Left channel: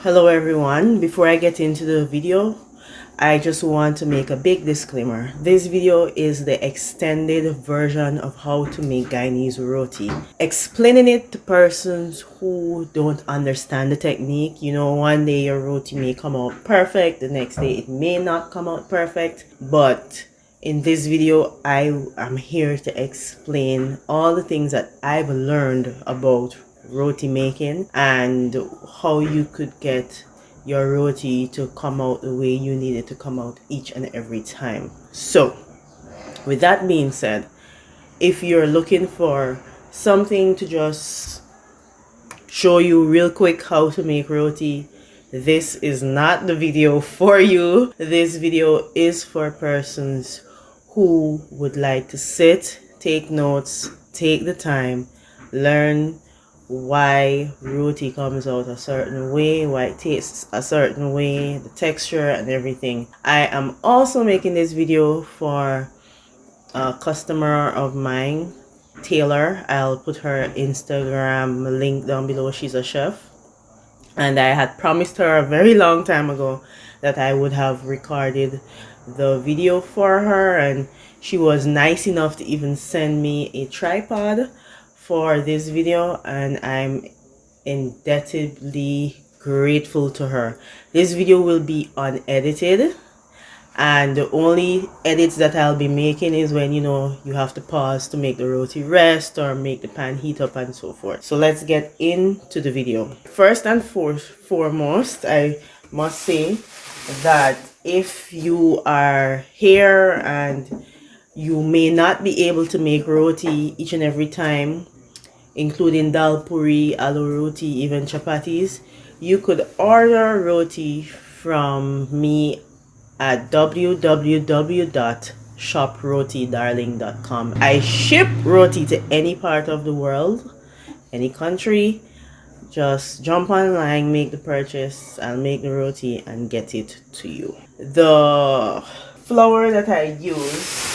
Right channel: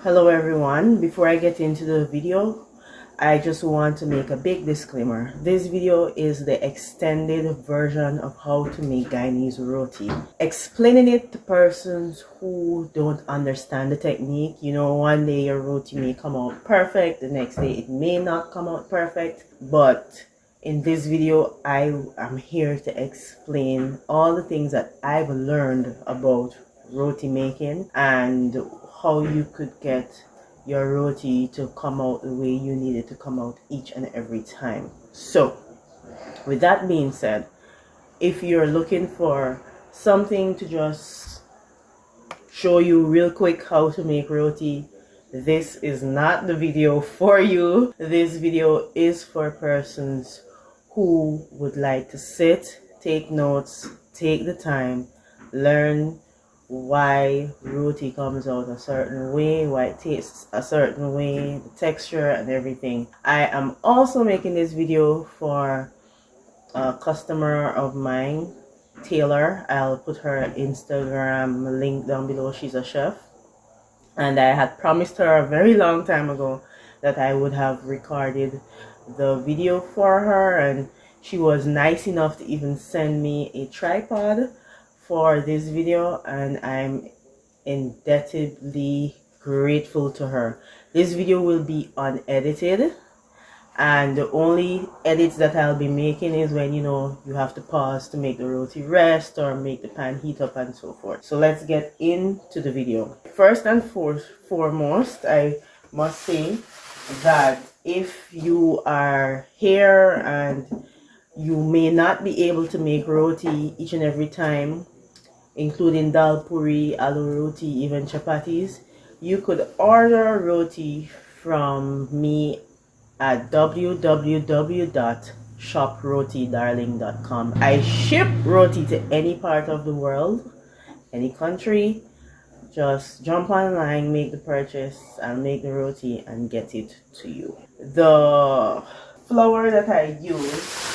Hello everyone, before I get into the video, I just want to make a big disclaimer. This video is the extended version of how to make Guyanese roti. Explaining it to persons who don't understand the technique. You know, one day your roti may come out perfect, the next day it may not come out perfect. But in this video, I am here to explain all the things that I've learned about roti making and how you could get your roti to come out the way you need it to come out each and every time. So with that being said, if you're looking for something to just show you real quick how to make roti, this is not the video for you. This video is for persons who would like to sit, take notes, take the time, learn why roti comes out a certain way, why it tastes a certain way, the texture and everything. I am also making this video for a customer of mine, Taylor. I'll put her Instagram link down below. She's a chef, and I had promised her a very long time ago that I would have recorded the video for her, and she was nice enough to even send me a tripod for this video, and I'm indebtedly grateful to her. This video will be unedited, and the only edits that I'll be making is when you have to pause to make the roti rest or make the pan heat up and so forth. So let's get into the video. First and foremost, I must say that if you are here and you may not be able to make roti each and every time, including dal puri, aloo roti, even chapatis, you could order roti from me at www.shoprotidarling.com. I ship roti to any part of the world, any country. Just jump online, make the purchase, and make the roti and get it to you. The flour that I use,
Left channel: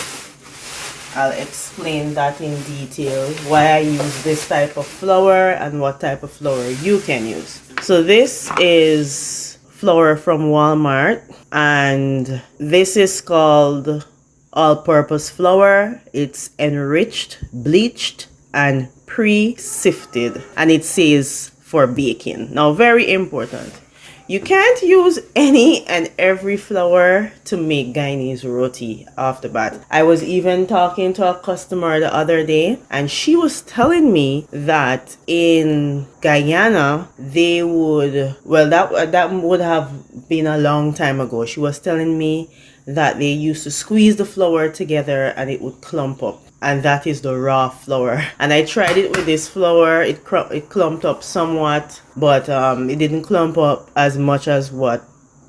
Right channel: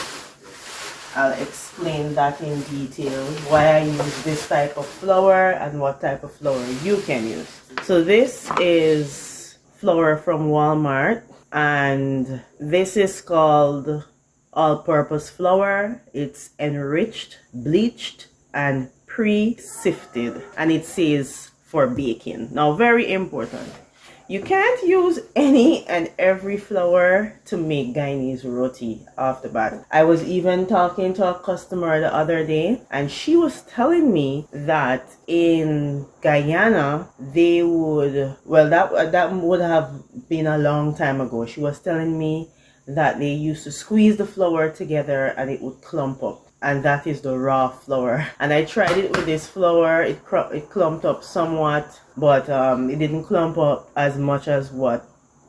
I'll explain that in detail, why I use this type of flour and what type of flour you can use. So this is flour from Walmart, and this is called all-purpose flour. It's enriched, bleached, and pre-sifted, and it says for baking. Now, very important, you can't use any and every flour to make Guyanese roti off the bat. I was even talking to a customer the other day, and she was telling me that in Guyana they would, well, that would have been a long time ago. She was telling me that they used to squeeze the flour together and it would clump up, and that is the raw flour. And I tried it with this flour. It clumped up somewhat, but it didn't clump up as much as what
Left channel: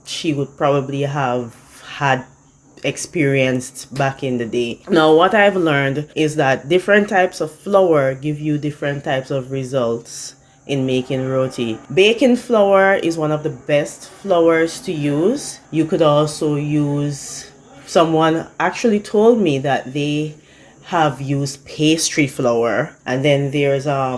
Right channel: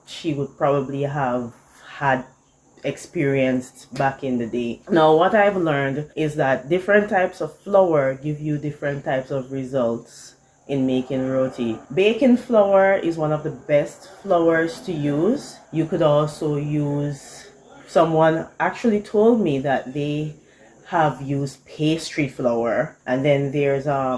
she would probably have had experienced back in the day. Now, what I've learned is that different types of flour give you different types of results in making roti. Baking flour is one of the best flours to use. You could also use, someone actually told me that they have used pastry flour, and then there's I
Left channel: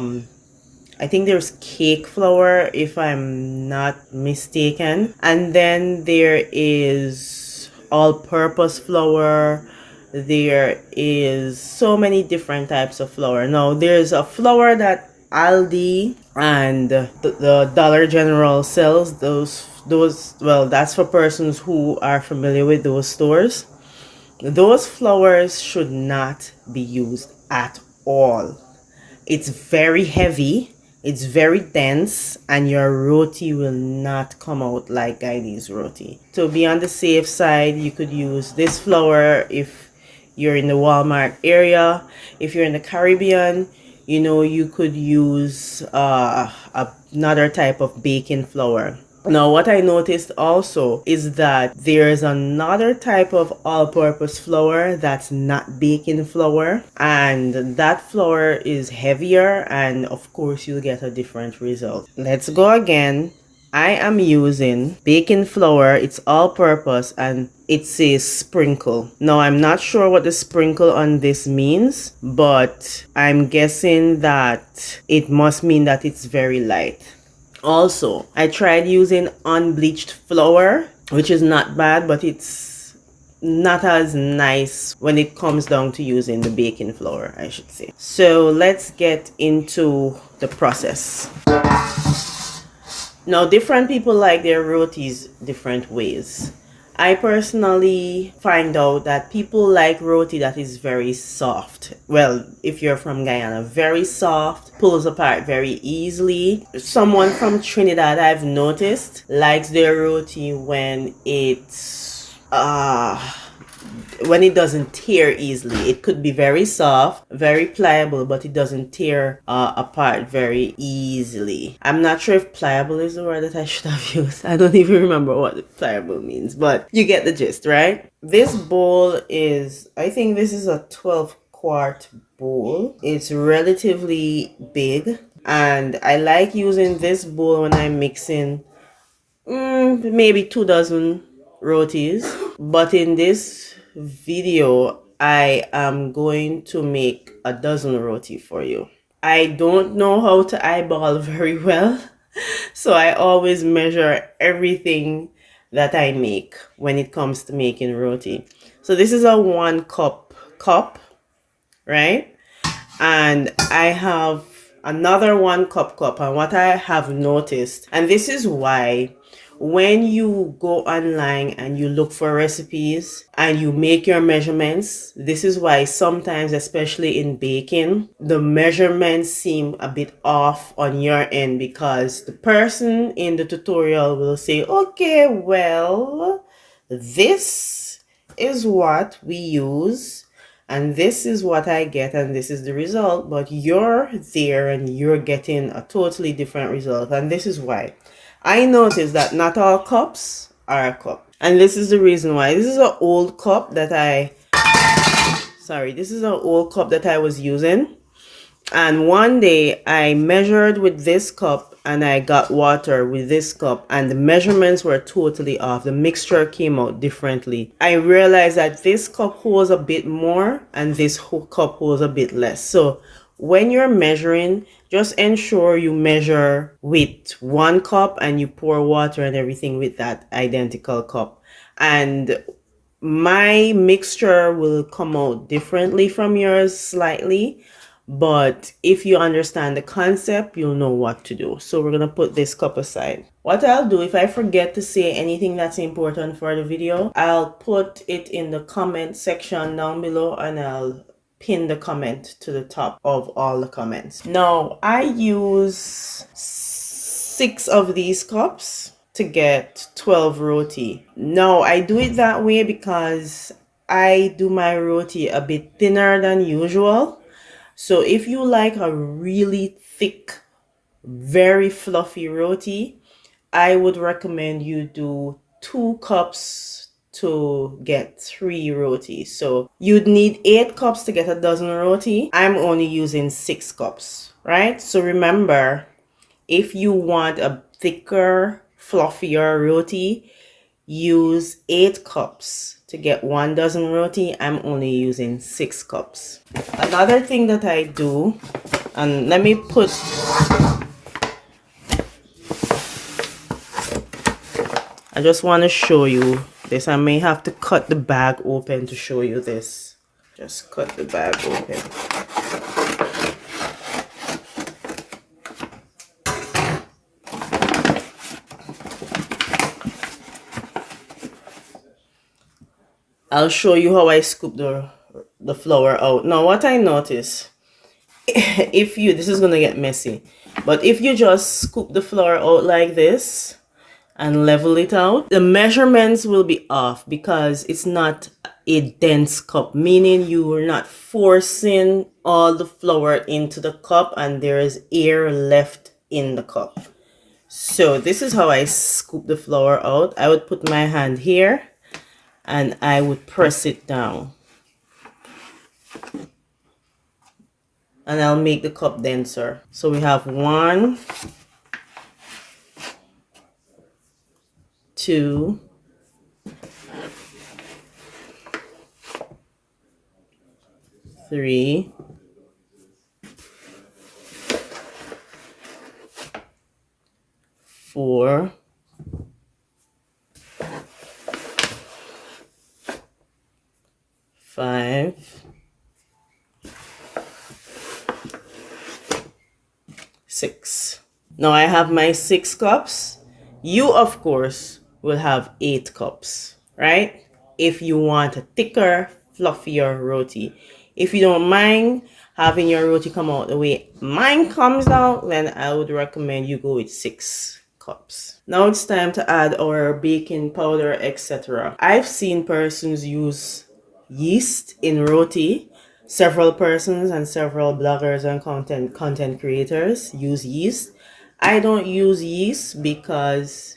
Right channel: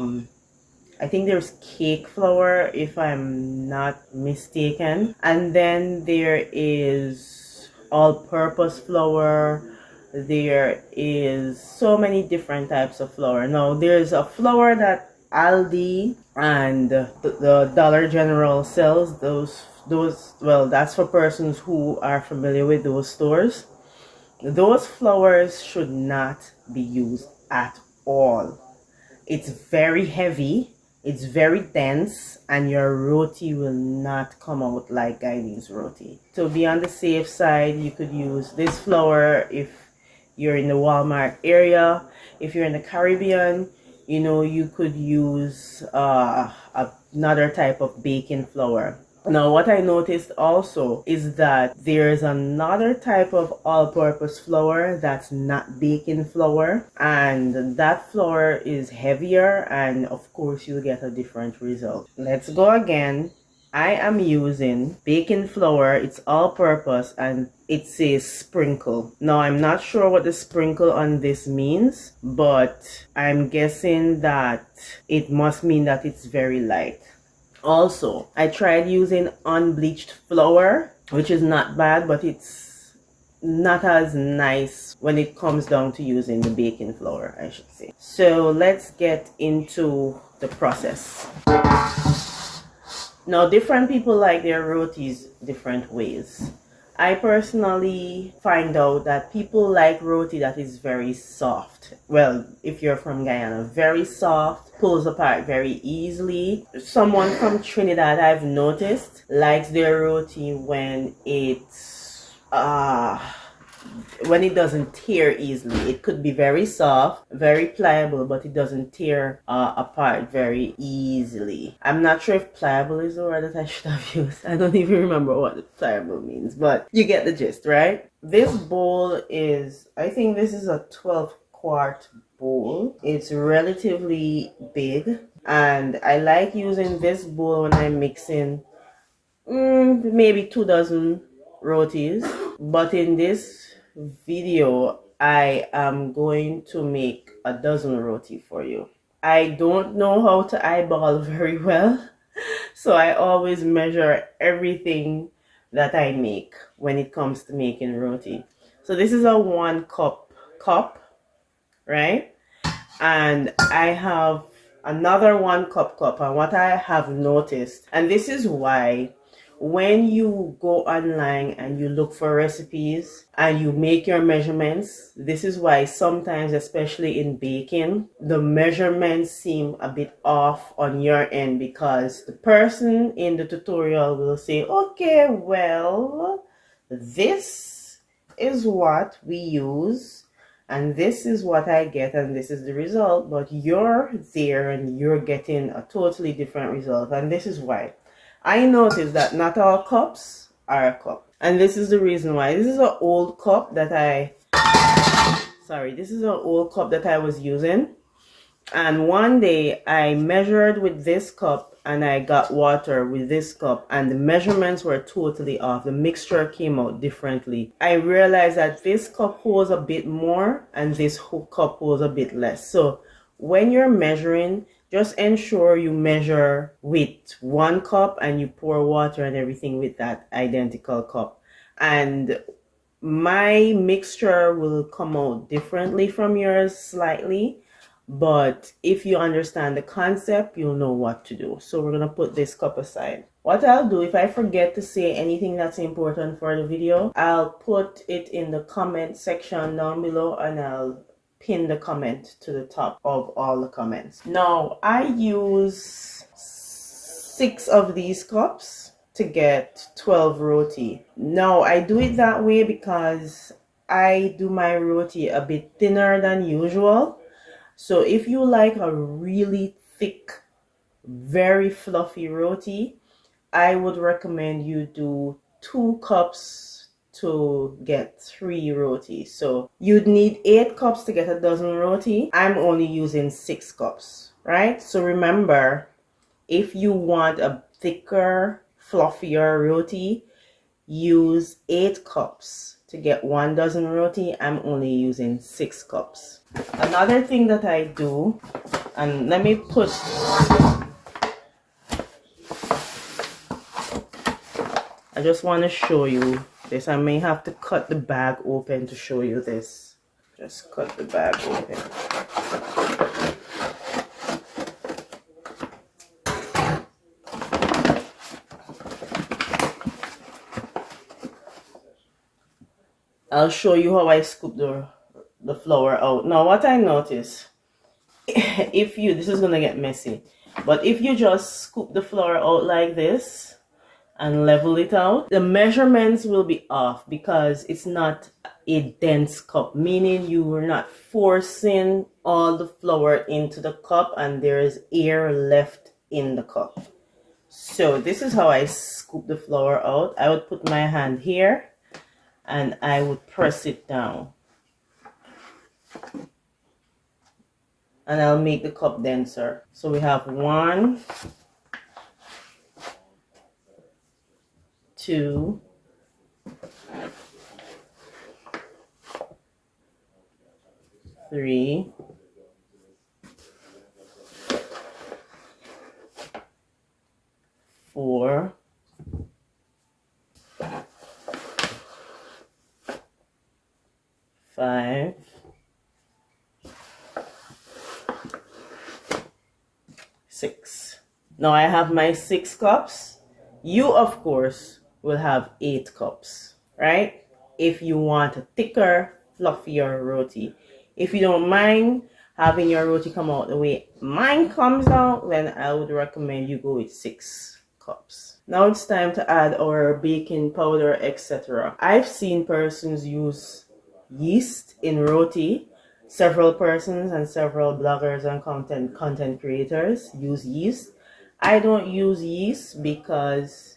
think there's cake flour, if I'm not mistaken, and then there is all-purpose flour. There is so many different types of flour. Now there's a flour that Aldi and the Dollar General sells. Those well, that's for persons who are familiar with those stores. Those flours should not be used at all. It's very heavy, it's very dense, and your roti will not come out like Guyanese roti. To be on the safe side, you could use this flour if you're in the Walmart area. If you're in the Caribbean, you could use another type of baking flour. Now, what I noticed also is that there's another type of all-purpose flour that's not baking flour, and that flour is heavier, and of course you'll get a different result. Let's go again. I am using baking flour. It's all-purpose, and it says sprinkle. Now, I'm not sure what the sprinkle on this means, but I'm guessing that it must mean that it's very light. Also, I tried using unbleached flour, which is not bad, but it's not as nice when it comes down to using the baking flour, I should say. So let's get into the process. Now, different people like their rotis different ways. I personally find out that people like roti that is very soft. Well, if you're from Guyana, very soft, pulls apart very easily. Someone from Trinidad, I've noticed, likes their roti when it doesn't tear easily. It could be very soft, very pliable, but it doesn't tear apart very easily. I'm not sure if pliable is the word that I should have used. I don't even remember what pliable means, but you get the gist, right? This bowl is, I think this is a 12-quart bowl. It's relatively big, and I like using this bowl when I'm mixing maybe 2 dozen rotis. But in this video, I am going to make a dozen roti for you. I don't know how to eyeball very well, so I always measure everything that I make when it comes to making roti. So this is a 1 cup, right? And I have another 1 cup, and what I have noticed, and this is why when you go online and you look for recipes and you make your measurements, this is why sometimes, especially in baking, the measurements seem a bit off on your end, because the person in the tutorial will say, okay, well, this is what we use and this is what I get and this is the result, but you're there and you're getting a totally different result. And this is why I noticed that not all cups are a cup, and this is the reason why. This is an old cup that I was using, and one day I measured with this cup and I got water with this cup, and the measurements were totally off. The mixture came out differently. I realized that this cup holds a bit more and this cup holds a bit less. So when you're measuring, just ensure you measure with 1 cup and you pour water and everything with that identical cup. And my mixture will come out differently from yours slightly, but if you understand the concept, you'll know what to do. So we're gonna put this cup aside. What I'll do, if I forget to say anything that's important for the video, I'll put it in the comment section down below and I'll pin the comment to the top of all the comments. Now, I use 6 of these cups to get 12 roti. Now, I do it that way because I do my roti a bit thinner than usual. So if you like a really thick, very fluffy roti, I would recommend you do 2 cups to get 3 roti. So you'd need 8 cups to get a dozen roti. I'm only using 6 cups, right? So remember, if you want a thicker, fluffier roti, use 8 cups to get 1 dozen roti. I'm only using 6 cups. Another thing that I do, and let me put, I just want to show you this. I may have to cut the bag open to show you this. Just cut the bag open. I'll show you how I scoop the flour out. Now what I notice, this is gonna get messy, but if you just scoop the flour out like this and level it out, the measurements will be off because it's not a dense cup, meaning you are not forcing all the flour into the cup and there is air left in the cup. So this is how I scoop the flour out. I would put my hand here and I would press it down. And I'll make the cup denser. So we have 1, 2, 3, 4, 4, 5, 6. Now I have my 6 cups. You, of course, will have 8 cups, right? If you want a thicker, fluffier roti. If you don't mind having your roti come out the way mine comes out, then I would recommend you go with 6 cups. Now it's time to add our baking powder, etc. I've seen persons use yeast in roti. Several persons and several bloggers and content creators use yeast. I don't use yeast because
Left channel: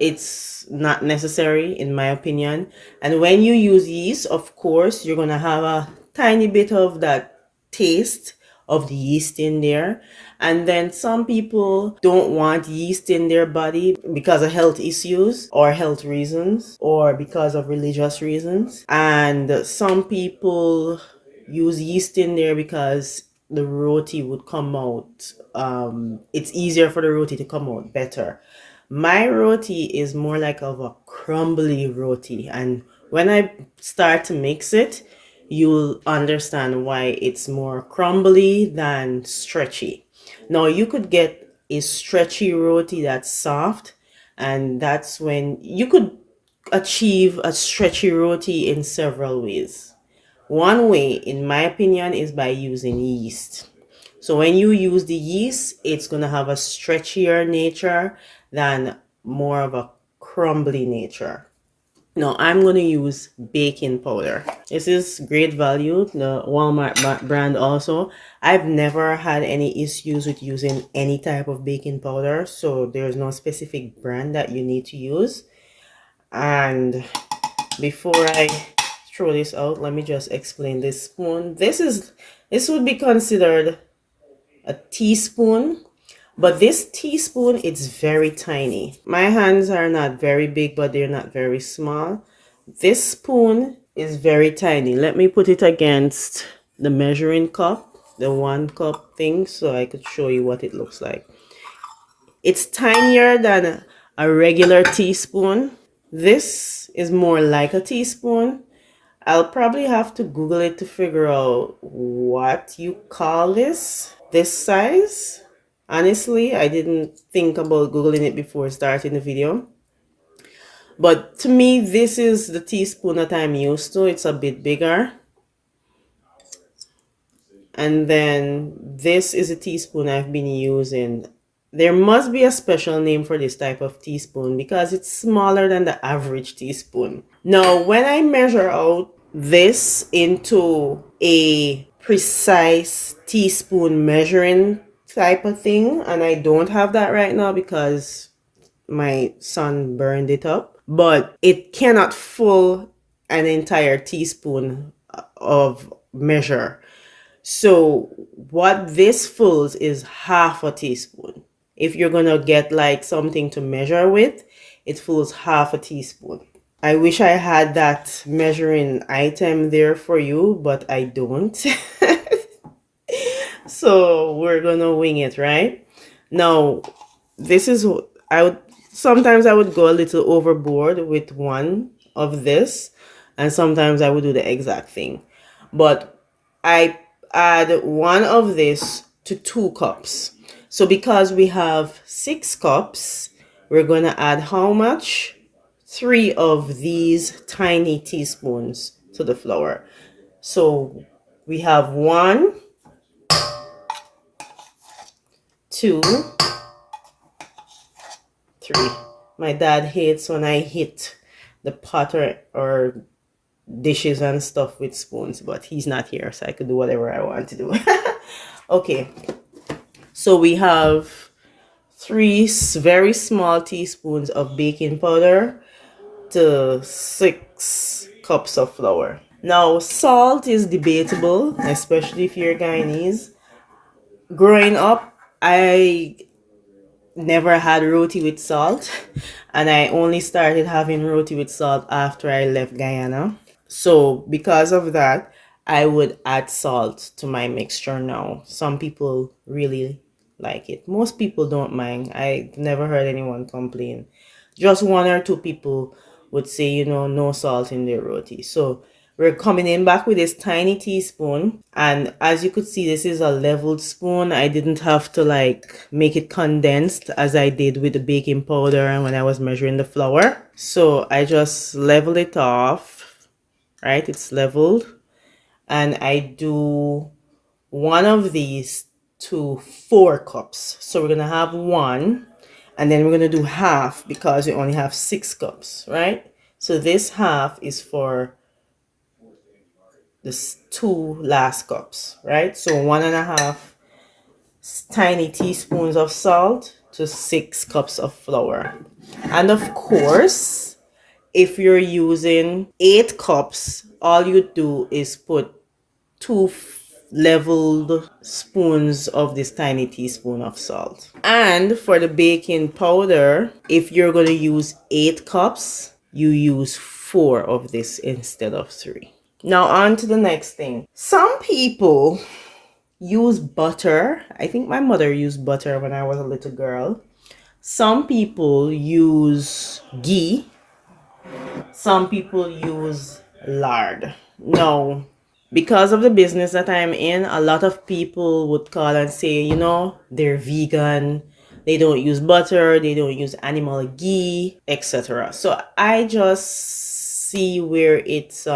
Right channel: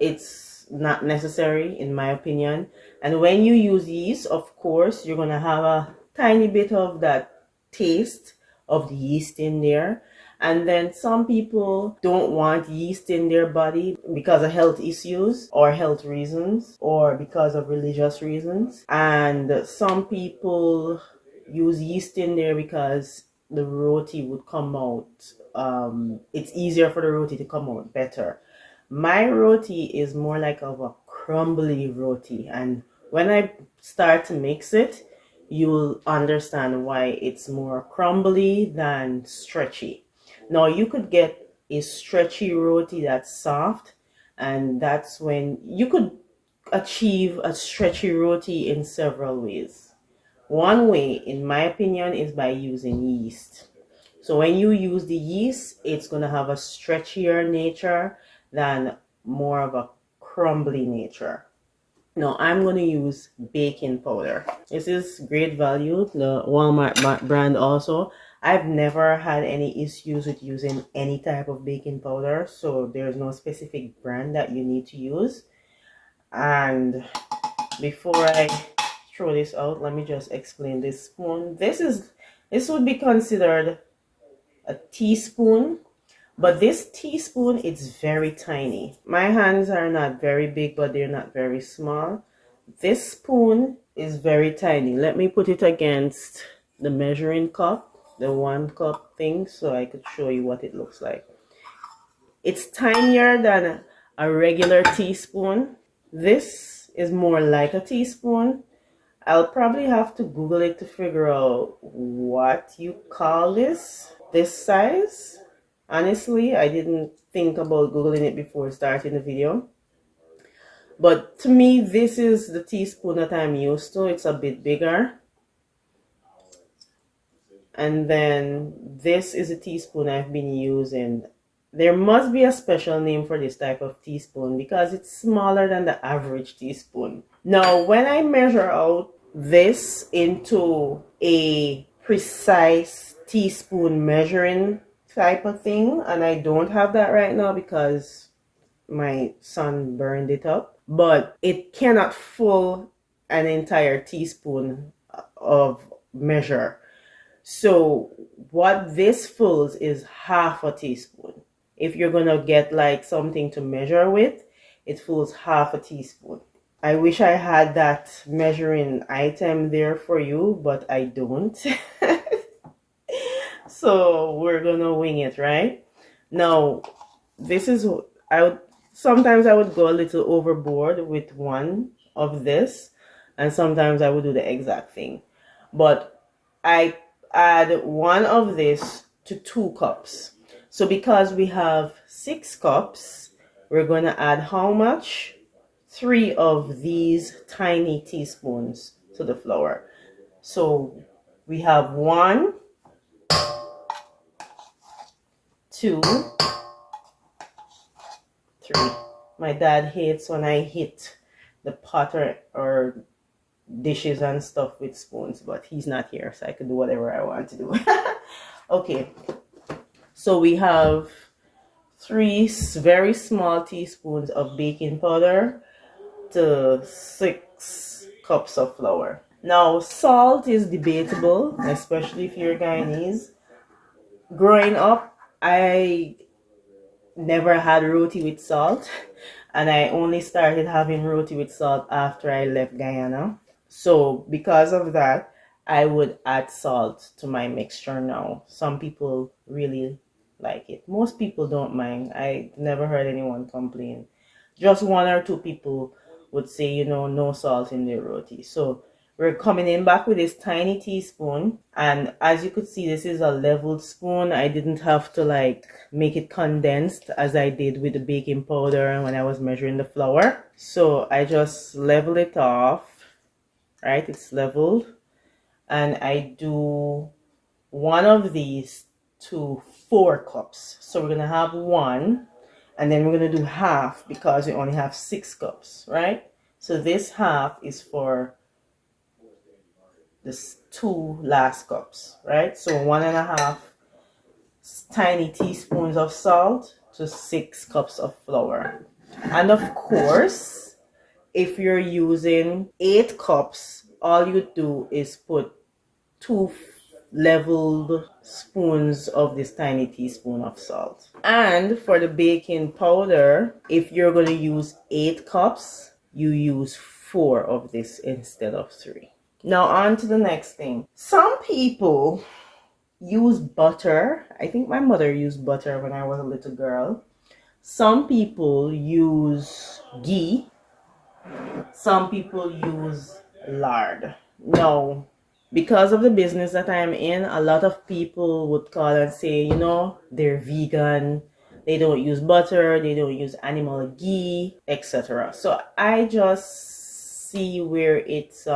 it's not necessary in my opinion. And when you use yeast, of course, you're gonna have a tiny bit of that taste of the yeast in there. And then some people don't want yeast in their body because of health issues or health reasons or because of religious reasons. And some people use yeast in there because the roti would come out. It's easier for the roti to come out better. My roti is more like of a crumbly roti, and when I start to mix it, you'll understand why it's more crumbly than stretchy. Now you could get a stretchy roti that's soft, and that's when you could achieve a stretchy roti in several ways. One way, in my opinion, is by using yeast. So when you use the yeast, it's going to have a stretchier nature than more of a crumbly nature. Now I'm going to use baking powder. This is great value, the Walmart brand also. I've never had any issues with using any type of baking powder, so there's no specific brand that you need to use. And before I throw this out, let me just explain this spoon. This would be considered a teaspoon, but this teaspoon is very tiny. My hands are not very big, but they're not very small. This spoon is very tiny. Let me put it against the measuring cup, the 1 cup thing, so I could show you what it looks like. It's tinier than a regular teaspoon. This is more like a teaspoon. I'll probably have to Google it to figure out what you call this size. Honestly, I didn't think about Googling it before starting the video. But to me, this is the teaspoon that I'm used to. It's a bit bigger. And then this is a teaspoon I've been using. There must be a special name for this type of teaspoon because it's smaller than the average teaspoon. Now, when I measure out this into a precise teaspoon measuring type of thing, and I don't have that right now because my son burned it up, but it cannot fill an entire teaspoon of measure. So what this fills is half a teaspoon. If you're gonna get like something to measure with, it fills half a teaspoon. I wish I had that measuring item there for you, but I don't. So we're gonna wing it, right? Now, this is I would sometimes I would go a little overboard with one of this, and sometimes I would do the exact thing. But I add one of this to 2 cups. So because we have 6 cups, we're gonna add how much? 3 of these tiny teaspoons to the flour. So we have 1, 2, 3. My dad hates when I hit the pot or dishes and stuff with spoons, but he's not here, so I could do whatever I want to do. Okay, so we have 3 very small teaspoons of baking powder to 6 cups of flour. Now, salt is debatable, especially if you're Guyanese. Growing up, I never had roti with salt, and I only started having roti with salt after I left Guyana. So because of that, I would add salt to my mixture now. Some people really like it. Most people don't mind. I never heard anyone complain. Just one or two people would say, no salt in their roti. So we're coming in back with this tiny teaspoon. And as you could see, this is a leveled spoon. I didn't have to like make it condensed as I did with the baking powder when I was measuring the flour. So I just level it off, right? It's leveled. And I do one of these to 4 cups. So we're going to have one, and then we're going to do half because we only have 6 cups, right? So this half is for the 2 last cups, right? So 1.5 tiny teaspoons of salt to 6 cups of flour. And of course, if you're using 8 cups, all you do is put 2 leveled spoons of this tiny teaspoon of salt. And for the baking powder, if you're going to use 8 cups, you use 4 of this instead of 3. Now on to the next thing. Some people use butter. I think my mother used butter when I was a little girl. Some people use ghee. Some people use lard. Now, because of the business that I'm in, a lot of people would call and say, they're vegan, they don't use butter, they don't use animal ghee, etc. So I just see where it's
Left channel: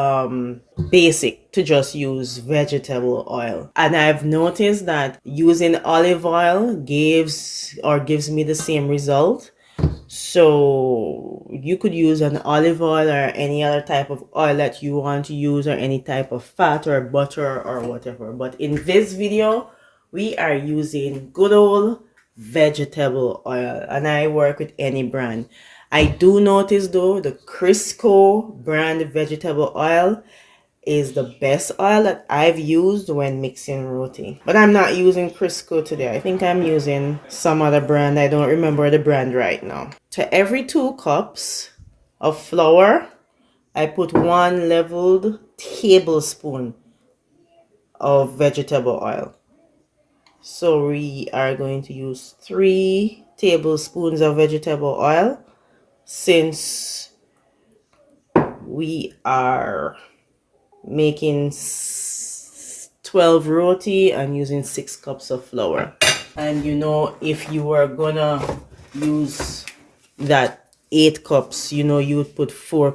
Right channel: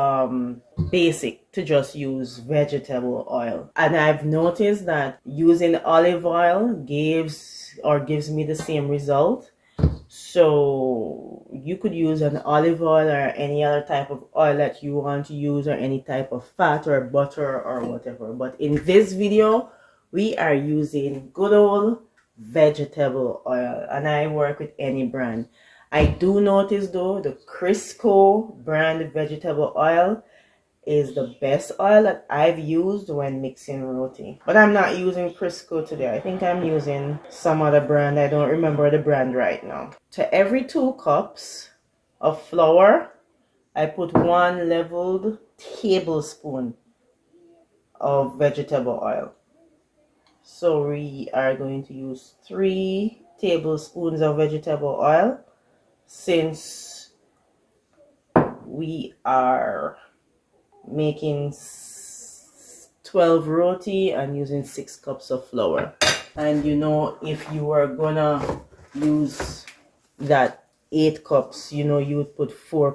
basic to just use vegetable oil. And I've noticed that using olive oil gives me the same result. So you could use an olive oil or any other type of oil that you want to use, or any type of fat or butter or whatever. But in this video, we are using good old vegetable oil, and I work with any brand. I do notice though, the Crisco brand vegetable oil is the best oil that I've used when mixing roti. But I'm not using Crisco today. I think I'm using some other brand. I don't remember the brand right now. To every 2 cups of flour, I put 1 leveled tablespoon of vegetable oil. So we are going to use 3 tablespoons of vegetable oil, since we are making 12 roti and using 6 cups of flour. And if you were gonna use that 8 cups, you would put 4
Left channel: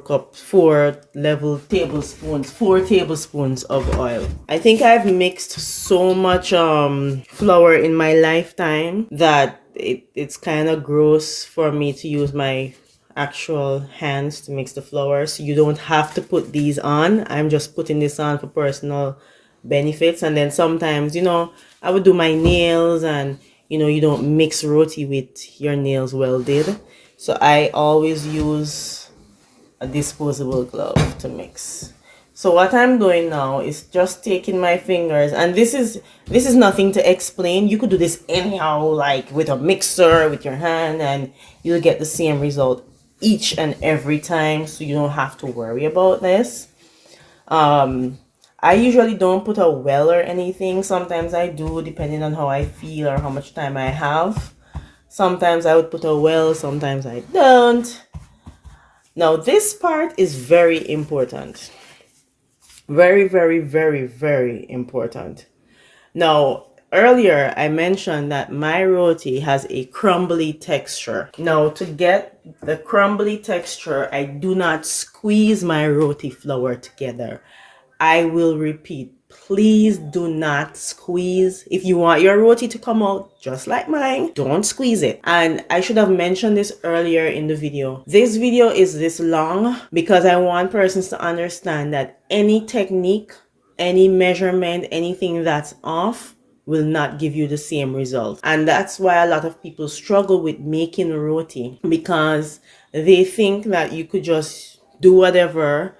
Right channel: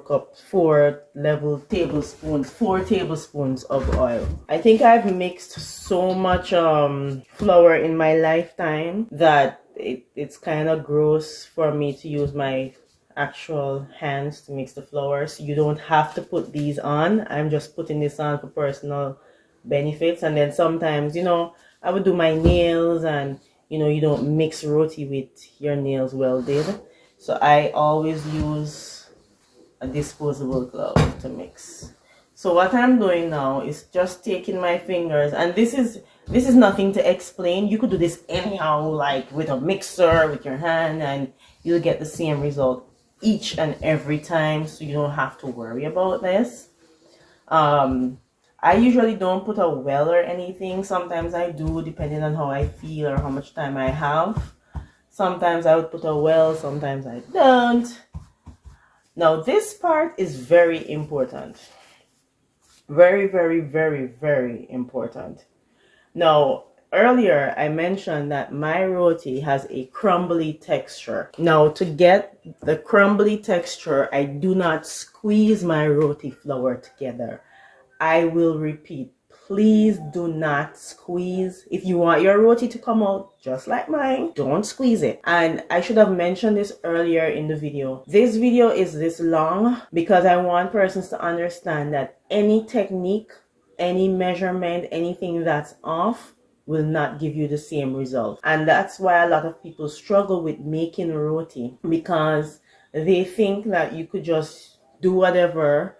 tablespoons of oil. I think I've mixed so much flour in my lifetime that it's kind of gross for me to use my actual hands to mix the flour. So you don't have to put these on. I'm just putting this on for personal benefits. And then sometimes, I would do my nails, and you don't mix roti with your nails well did. So I always use a disposable glove to mix. So what I'm doing now is just taking my fingers, and this is nothing to explain. You could do this anyhow, like with a mixer, with your hand, and you'll get the same result each and every time. So you don't have to worry about this. I usually don't put a well or anything. Sometimes I do, depending on how I feel or how much time I have. Sometimes I would put a well, sometimes I don't. Now this part is very important. Very, very, very, very important. Now, earlier I mentioned that my roti has a crumbly texture. Now, to get the crumbly texture, I do not squeeze my roti flour together. I will repeat, please do not squeeze. If you want your roti to come out just like mine, don't squeeze it. And I should have mentioned this earlier in the video. This video is this long because I want persons to understand that any technique, any measurement, anything that's off will not give you the same result. And that's why a lot of people struggle with making roti, because they think that you could just do whatever.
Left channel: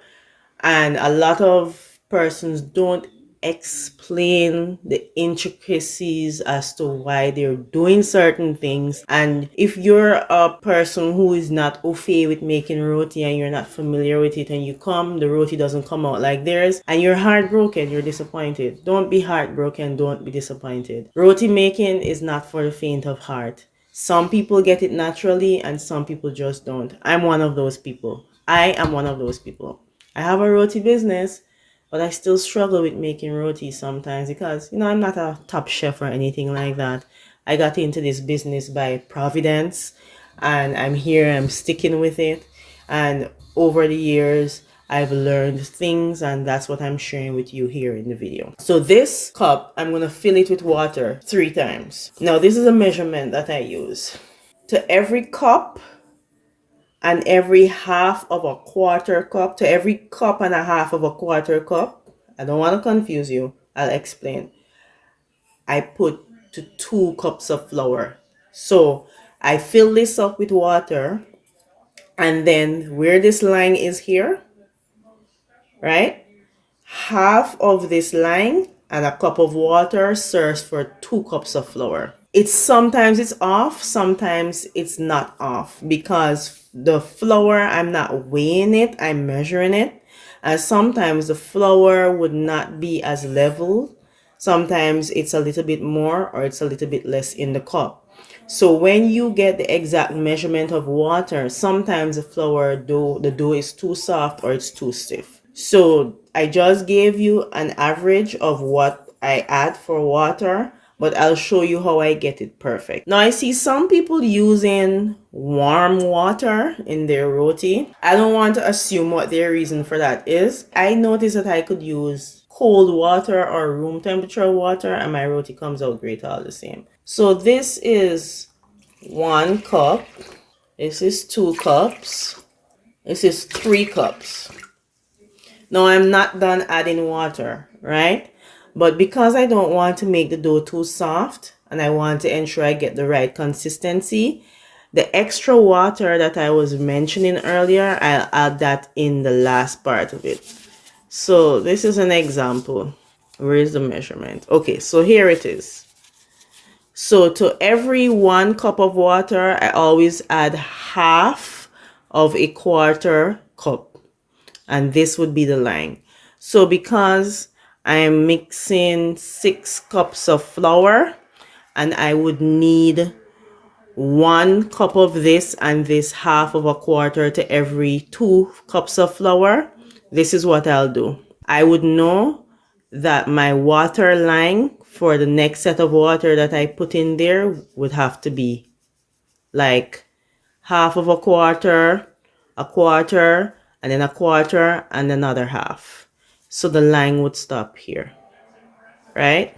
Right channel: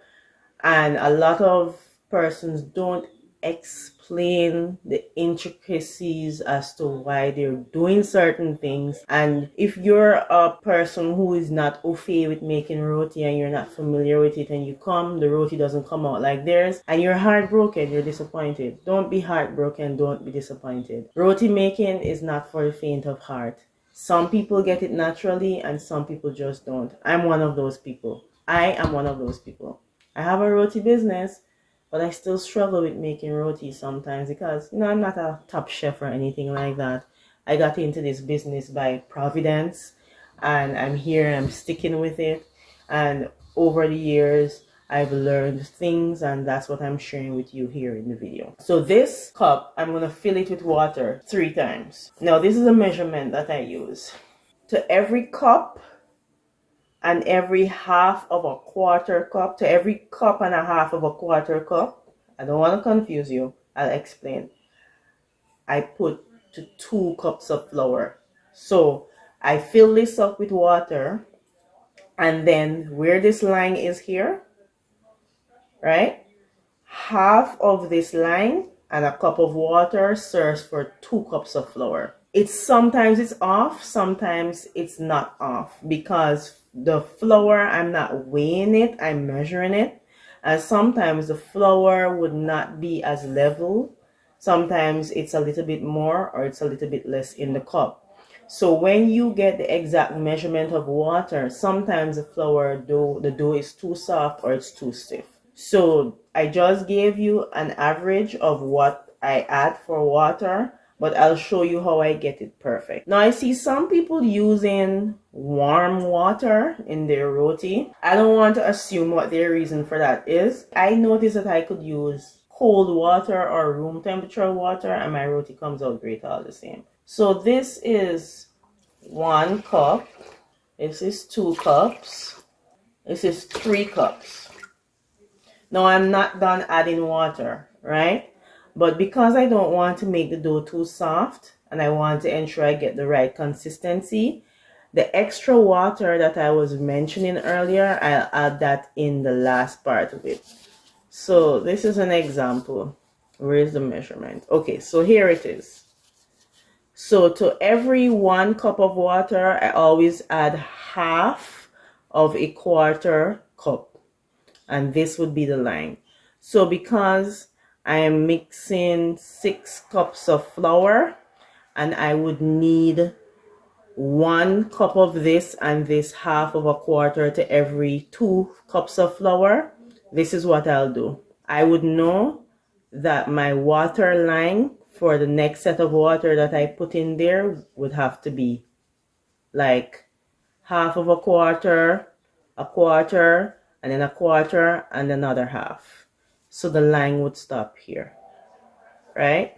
And a lot of persons don't explain the intricacies as to why they're doing certain things. And if you're a person who is not au fait with making roti and you're not familiar with it, and you come, the roti doesn't come out like theirs, and you're heartbroken, you're disappointed. Don't be heartbroken, don't be disappointed. Roti making is not for the faint of heart. Some people get it naturally and some people just don't. I'm one of those people. I am one of those people. I have a roti business, but I still struggle with making roti sometimes because, I'm not a top chef or anything like that. I got into this business by providence, and I'm here, I'm sticking with it. And over the years, I've learned things, and that's what I'm sharing with you here in the video. So this cup, I'm going to fill it with water 3 times. Now, this is a measurement that I use. To every cup and every half of a quarter cup, to every cup and a half of a quarter cup, I don't want to confuse you, I'll explain. I put to 2 cups of flour. So I fill this up with water, and then where this line is here, right? Half of this line and a cup of water serves for 2 cups of flour. It's sometimes it's off, sometimes it's not off, because the flour, I'm not weighing it, I'm measuring it. And sometimes the flour would not be as level. Sometimes it's a little bit more or it's a little bit less in the cup. So when you get the exact measurement of water, sometimes the dough is too soft or it's too stiff. So I just gave you an average of what I add for water, but I'll show you how I get it perfect. Now I see some people using warm water in their roti. I don't want to assume what their reason for that is. I noticed that I could use cold water or room temperature water and my roti comes out great all the same. So this is 1 cup. This is 2 cups. This is 3 cups. Now I'm not done adding water, right? But because I don't want to make the dough too soft and I want to ensure I get the right consistency, the extra water that I was mentioning earlier, I'll add that in the last part of it. So this is an example. Where is the measurement? Okay, so here it is. So to every 1 cup of water, I always add half of a quarter cup. And this would be the line. So because I'm mixing 6 cups of flour and I would need 1 cup of this and this half of a quarter to every 2 cups of flour, this is what I'll do. I would know that my water line for the next set of water that I put in there would have to be like half of a quarter, and then a quarter, and another half. So the line would stop here, right?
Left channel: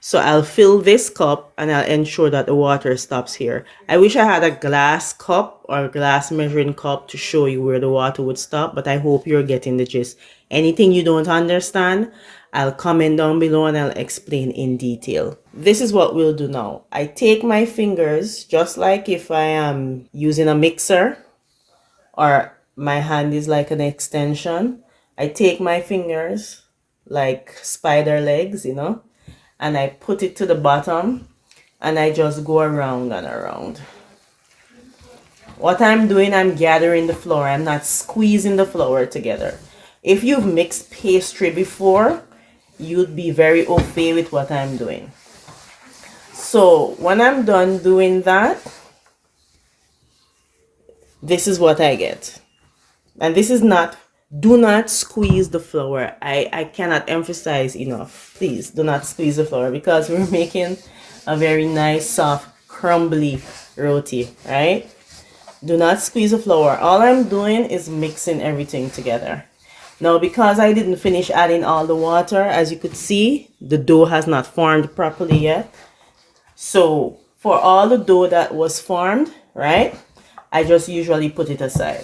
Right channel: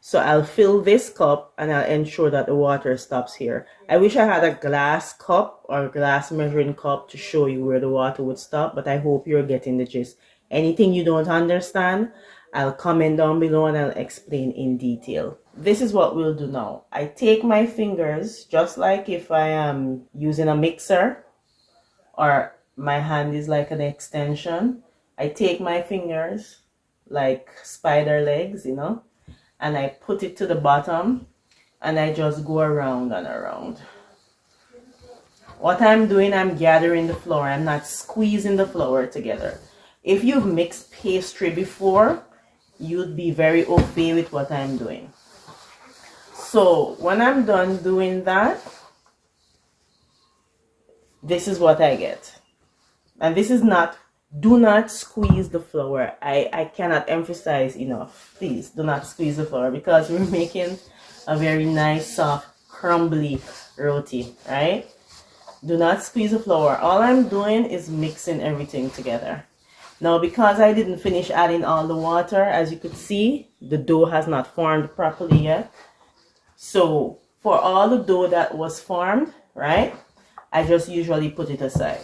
So I'll fill this cup and I'll ensure that the water stops here. I wish I had a glass cup or glass measuring cup to show you where the water would stop, but I hope you're getting the gist. Anything you don't understand, I'll comment down below and I'll explain in detail. This is what we'll do now. I take my fingers, just like if I am using a mixer or my hand is like an extension. I take my fingers like spider legs, and I put it to the bottom and I just go around and around. What I'm doing, I'm gathering the flour. I'm not squeezing the flour together. If you've mixed pastry before, you'd be very au fait with what I'm doing. So when I'm done doing that, this is what I get. And this is not, do not squeeze the flour. I cannot emphasize enough. Please do not squeeze the flour because we're making a very nice, soft, crumbly roti, right? Do not squeeze the flour. All I'm doing is mixing everything together. Now, because I didn't finish adding all the water, as you could see, the dough has not formed properly yet. So for all the dough that was formed, right, I just usually put it aside.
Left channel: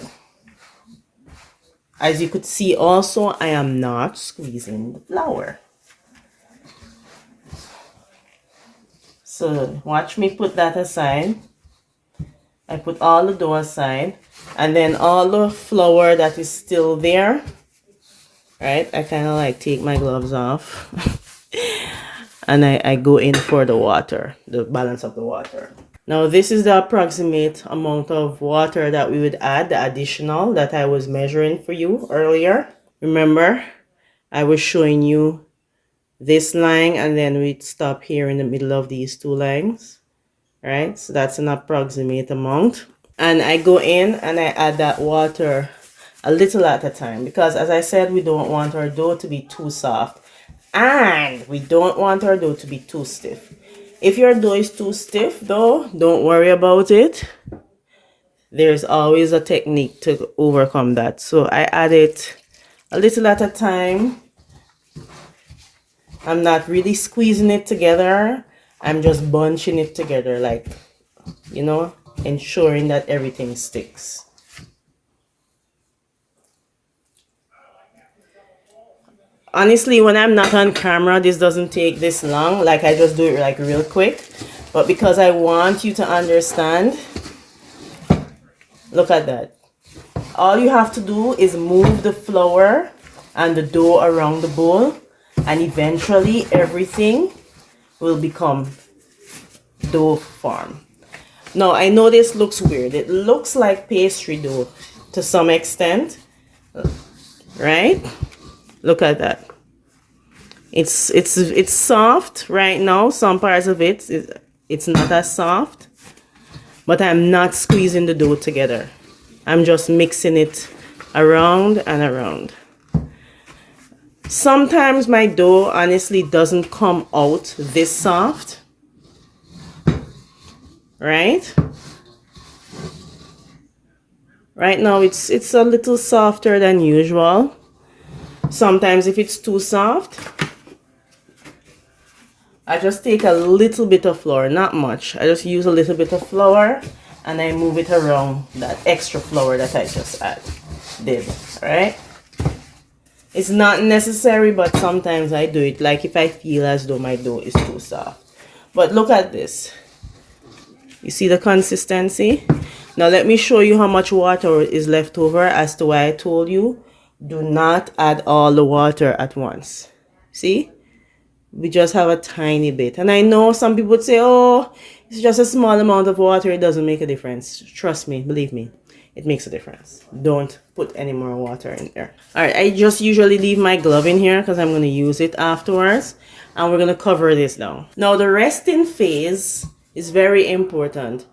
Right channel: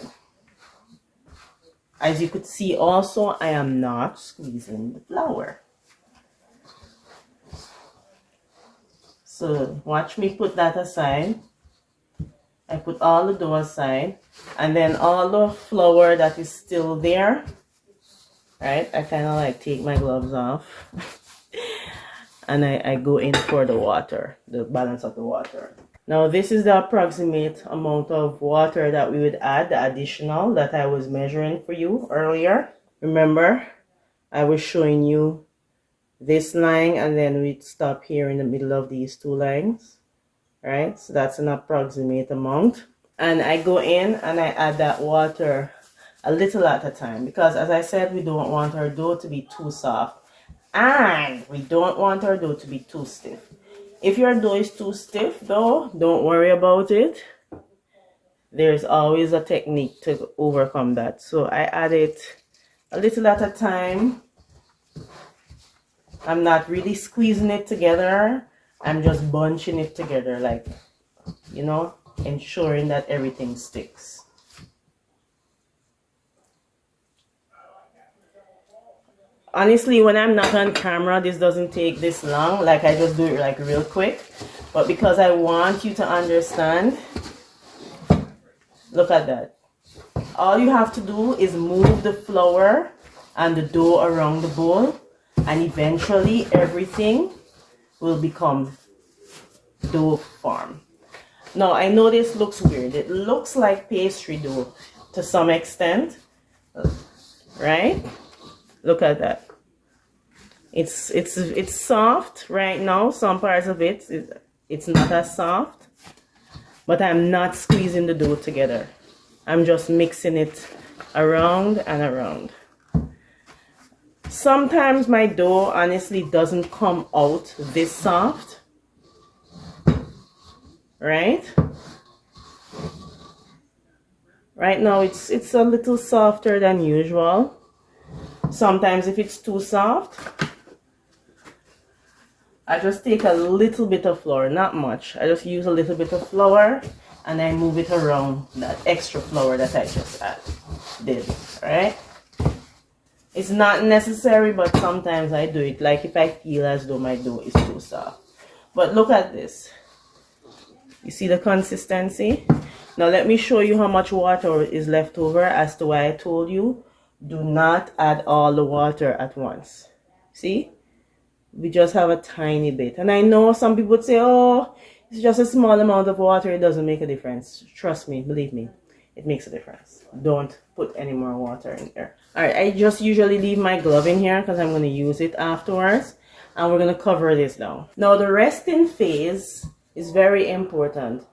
As you could see also, I am not squeezing the flour. So watch me put that aside. I put all the dough aside, and then all the flour that is still there, right? I kind of like take my gloves off and I go in for the water, the balance of the water. Now this is the approximate amount of water that we would add, the additional that I was measuring for you earlier. Remember, I was showing you this line and then we'd stop here in the middle of these two lines, right? So that's an approximate amount. And I go in and I add that water a little at a time because, as I said, we don't want our dough to be too soft and we don't want our dough to be too stiff. If your dough is too stiff though, don't worry about it. There's always a technique to overcome that. So I add it a little at a time. I'm not really squeezing it together. I'm just bunching it together, like, you know, ensuring that everything sticks. Honestly, when I'm not on camera, this doesn't take this long. Like, I just do it like real quick. But because I want you to understand, look at that. All you have to do is move the flour and the dough around the bowl, and eventually everything will become dough form. Now, I know this looks weird. It looks like pastry dough to some extent, right? Look at that. It's soft right now. Some parts of it's not as soft, but I'm not squeezing the dough together. I'm just mixing it around and around. Sometimes my dough honestly doesn't come out this soft, right? Right now it's a little softer than usual. Sometimes if it's too soft, I just take a little bit of flour, not much. I just use a little bit of flour and I move it around that extra flour that I just did, right? It's not necessary, but sometimes I do it, like if I feel as though my dough is too soft. But look at this. You see the consistency? Now let me show you how much water is left over, as to why I told you, do not add all the water at once. See? We just have a tiny bit. And I know some people would say, oh, it's just a small amount of water, it doesn't make a difference. Trust me, believe me, it makes a difference. Don't put any more water in there. All right, I just usually leave my glove in here because I'm going to use it afterwards. And we're going to cover this now. Now, the resting phase is very important.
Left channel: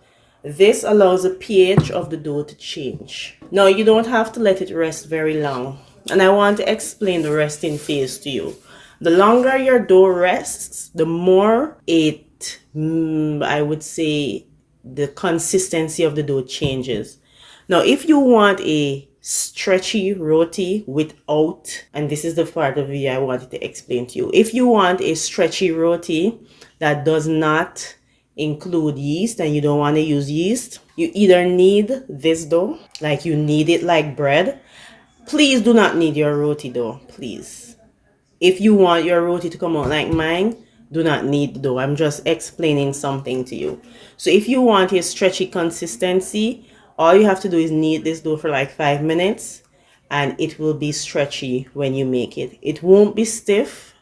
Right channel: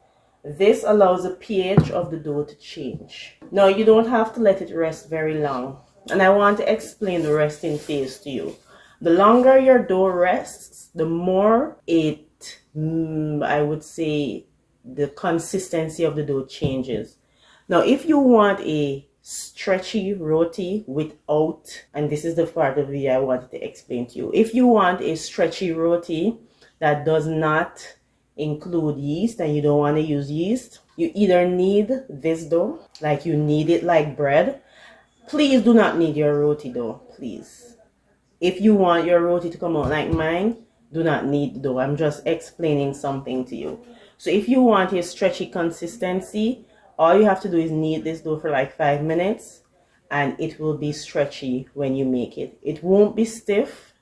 This allows the pH of the dough to change. Now, you don't have to let it rest very long. And I want to explain the resting phase to you. The longer your dough rests, the more I would say, the consistency of the dough changes. Now, if you want a stretchy roti without, and this is the part of it I wanted to explain to you. If you want a stretchy roti that does not include yeast and you don't want to use yeast, you either need this dough, like you need it like bread. Please do not knead your roti dough, please. If you want your roti to come out like mine, do not knead the dough. I'm just explaining something to you. So if you want a stretchy consistency, all you have to do is knead this dough for like 5 minutes and it will be stretchy when you make it. It won't be stiff,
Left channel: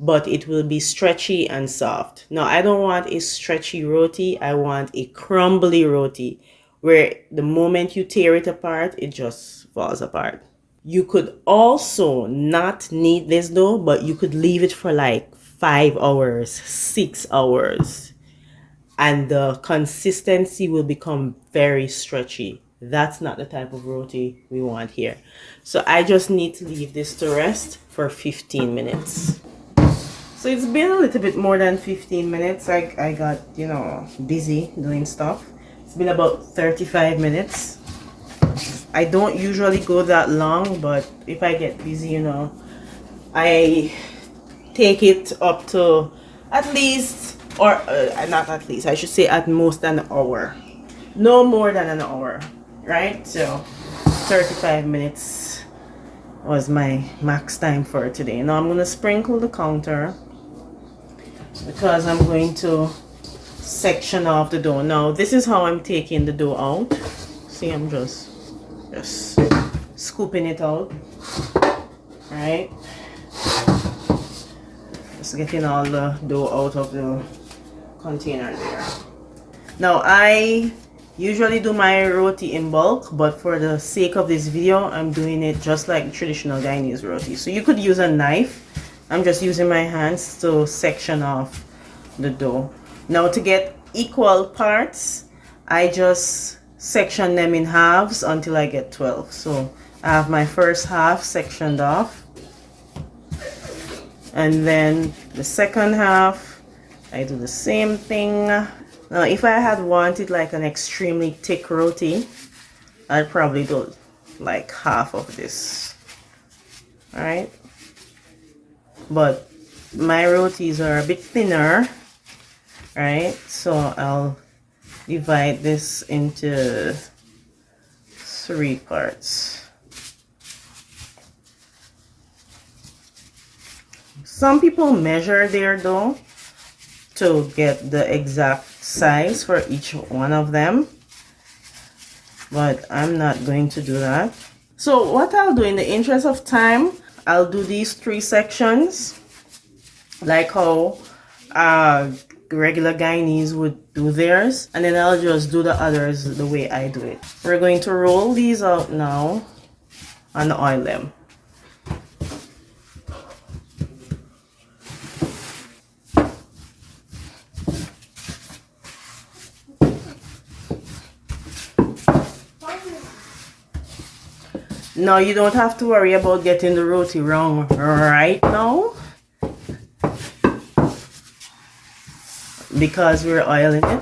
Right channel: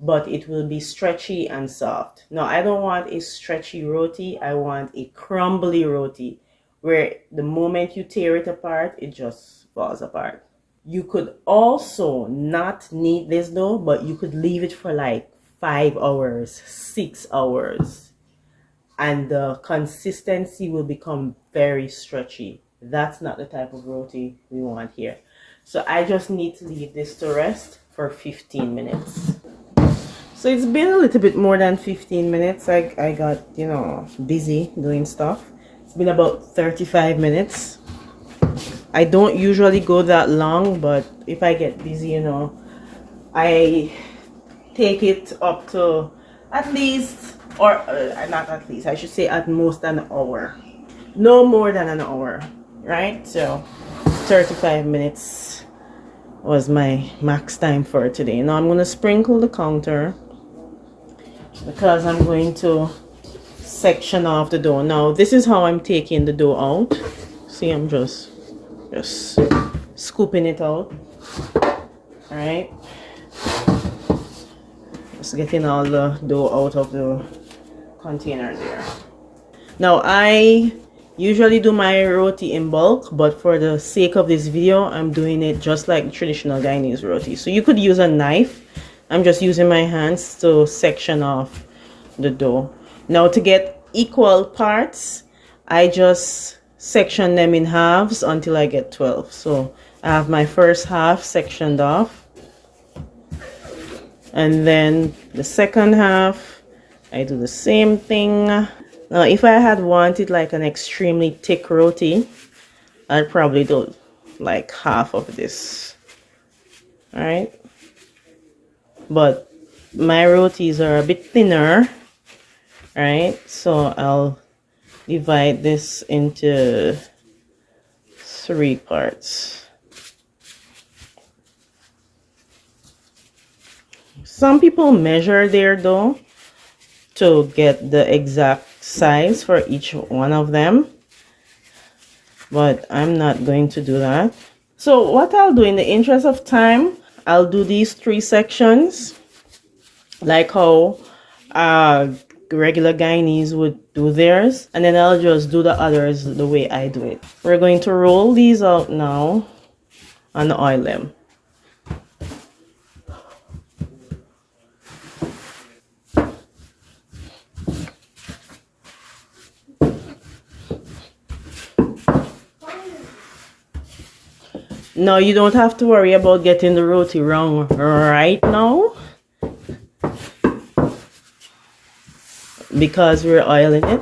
but it will be stretchy and soft. Now, I don't want a stretchy roti. I want a crumbly roti where the moment you tear it apart, it just falls apart. You could also not knead this dough, but you could leave it for like 5 hours, 6 hours, and the consistency will become very stretchy. That's not the type of roti we want here. So I just need to leave this to rest for 15 minutes. So it's been a little bit more than 15 minutes. I got, you know, busy doing stuff. It's been about 35 minutes. I don't usually go that long, but if I get busy, you know, I take it up to at least, or not at least, I should say at most an hour. No more than an hour, right? So 35 minutes was my max time for today. Now I'm going to sprinkle the counter because I'm going to section off the dough. Now this is how I'm taking the dough out. See, I'm just scooping it out right? Just getting all the dough out of the container there. Now I usually do my roti in bulk, but for the sake of this video, I'm doing it just like traditional Guyanese roti. So you could use a knife. I'm just using my hands to section off the dough. Now to get equal parts, I just section them in halves until I get 12. So I have my first half sectioned off, and then the second half I do the same thing. Now if I had wanted like an extremely thick roti, I'd probably do like half of this. All right, but my rotis are a bit thinner, right? So I'll divide this into 3 parts. Some people measure their dough to get the exact size for each one of them, but I'm not going to do that. So what I'll do, in the interest of time, I'll do these 3 sections like how regular Guyanese would do theirs, and then I'll just do the others the way I do it. We're going to roll these out now and oil them. Now you don't have to worry about getting the roti wrong right now, because we're oiling it.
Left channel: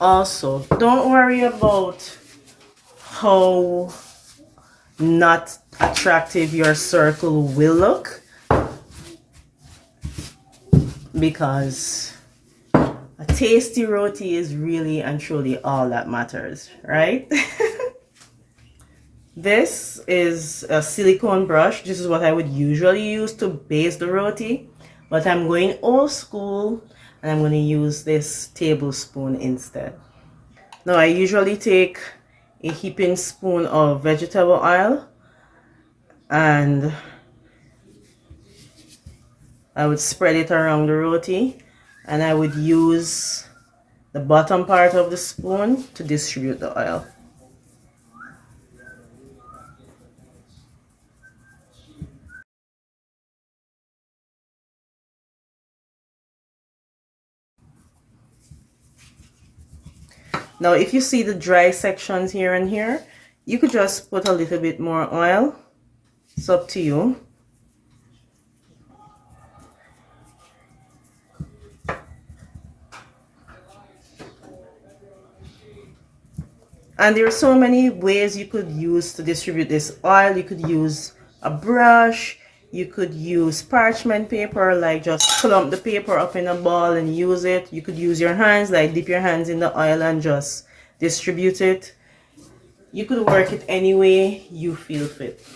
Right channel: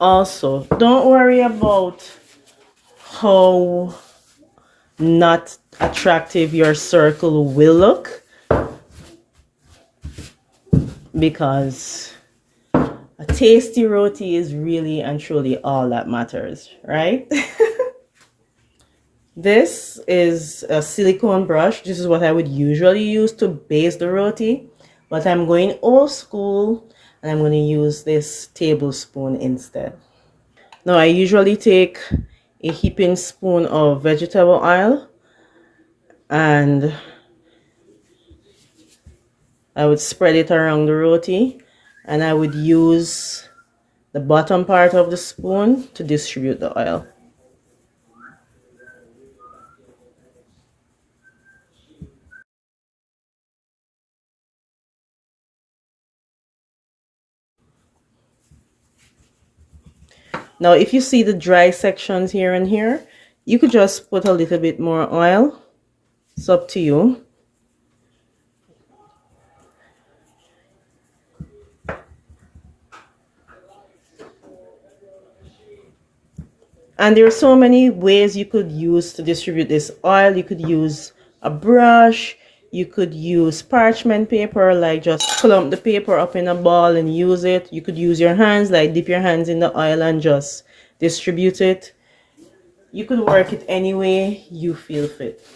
Also, don't worry about how not attractive your circle will look, because a tasty roti is really and truly all that matters, right? This is a silicone brush. This is what I would usually use to baste the roti, but I'm going old school and I'm going to use this tablespoon instead. Now I usually take a heaping spoon of vegetable oil and I would spread it around the roti, and I would use the bottom part of the spoon to distribute the oil. Now if you see the dry sections here and here, you could just put a little bit more oil. It's up to you. And there are so many ways you could use to distribute this oil. You could use a brush, you could use parchment paper, like just clump the paper up in a ball and use it. You could use your hands, like dip your hands in the oil and just distribute it. You could work it any way you feel fit,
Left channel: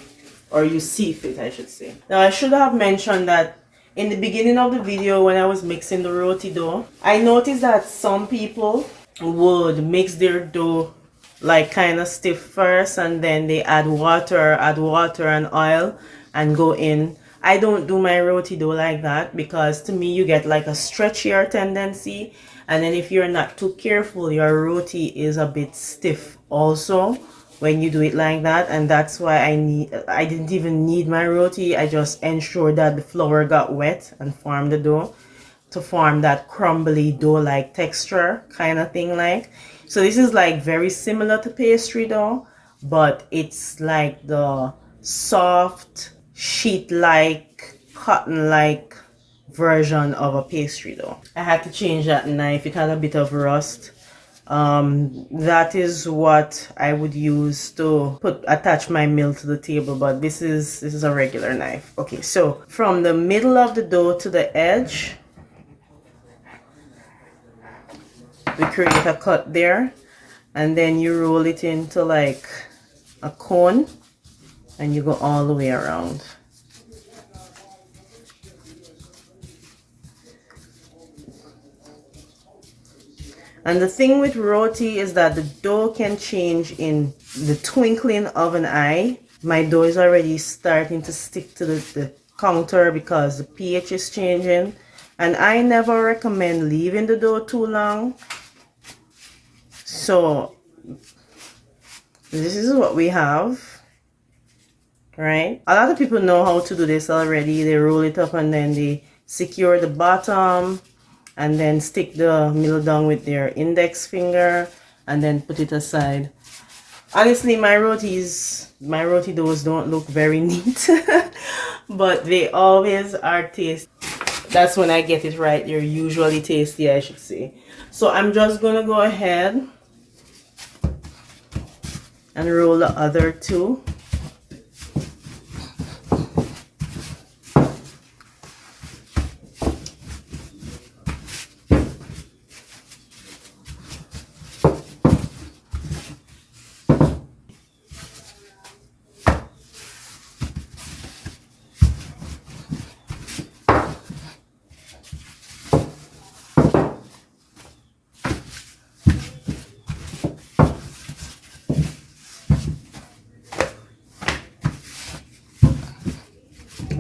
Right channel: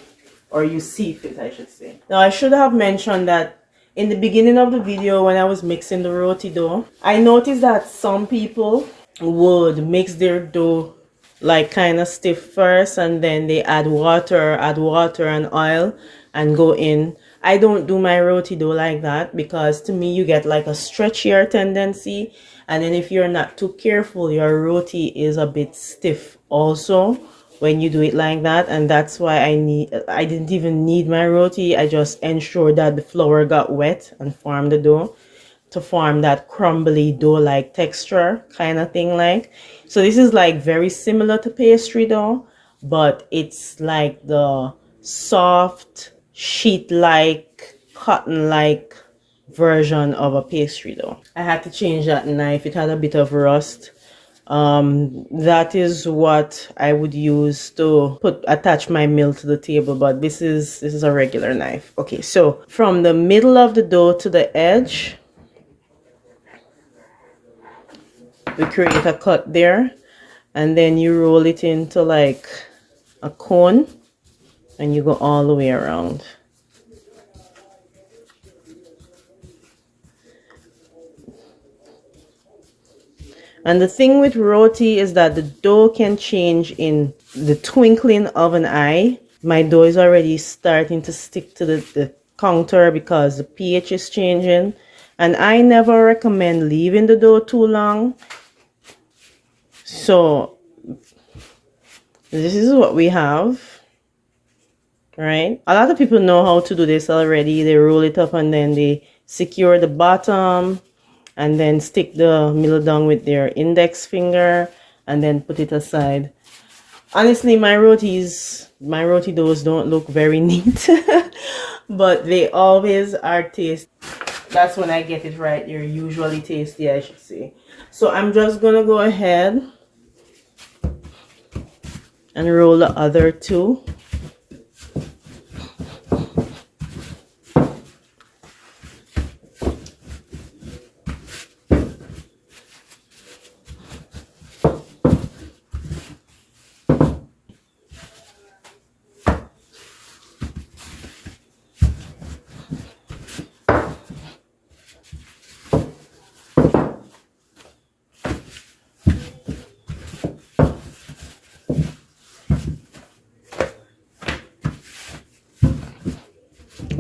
or you see fit, I should say. Now I should have mentioned that in the beginning of the video when I was mixing the roti dough, I noticed that some people would mix their dough like kind of stiff first, and then they add water and oil and go in. I don't do my roti dough like that, because to me you get like a stretchier tendency, and then if you're not too careful, your roti is a bit stiff also when you do it like that. And that's why I didn't even need my roti. I just ensured that the flour got wet and formed the dough to form that crumbly dough-like texture kind of thing. Like, so this is like very similar to pastry dough, but it's like the soft sheet-like cotton-like version of a pastry dough. I had to change that knife. It had a bit of rust. That is what I would use to attach my mill to the table, but this is a regular knife. Okay, so from the middle of the dough to the edge, we create a cut there, and then you roll it into like a cone, and you go all the way around. And the thing with roti is that the dough can change in the twinkling of an eye. My dough is already starting to stick to the counter because the pH is changing. And I never recommend leaving the dough too long. So this is what we have, right? A lot of people know how to do this already. They roll it up and then they secure the bottom and then stick the middle down with their index finger and then put it aside. Honestly, my roti doughs don't look very neat, but they always are tasty. That's when I get it right. They're usually tasty, I should say. So I'm just gonna go ahead and roll the other two.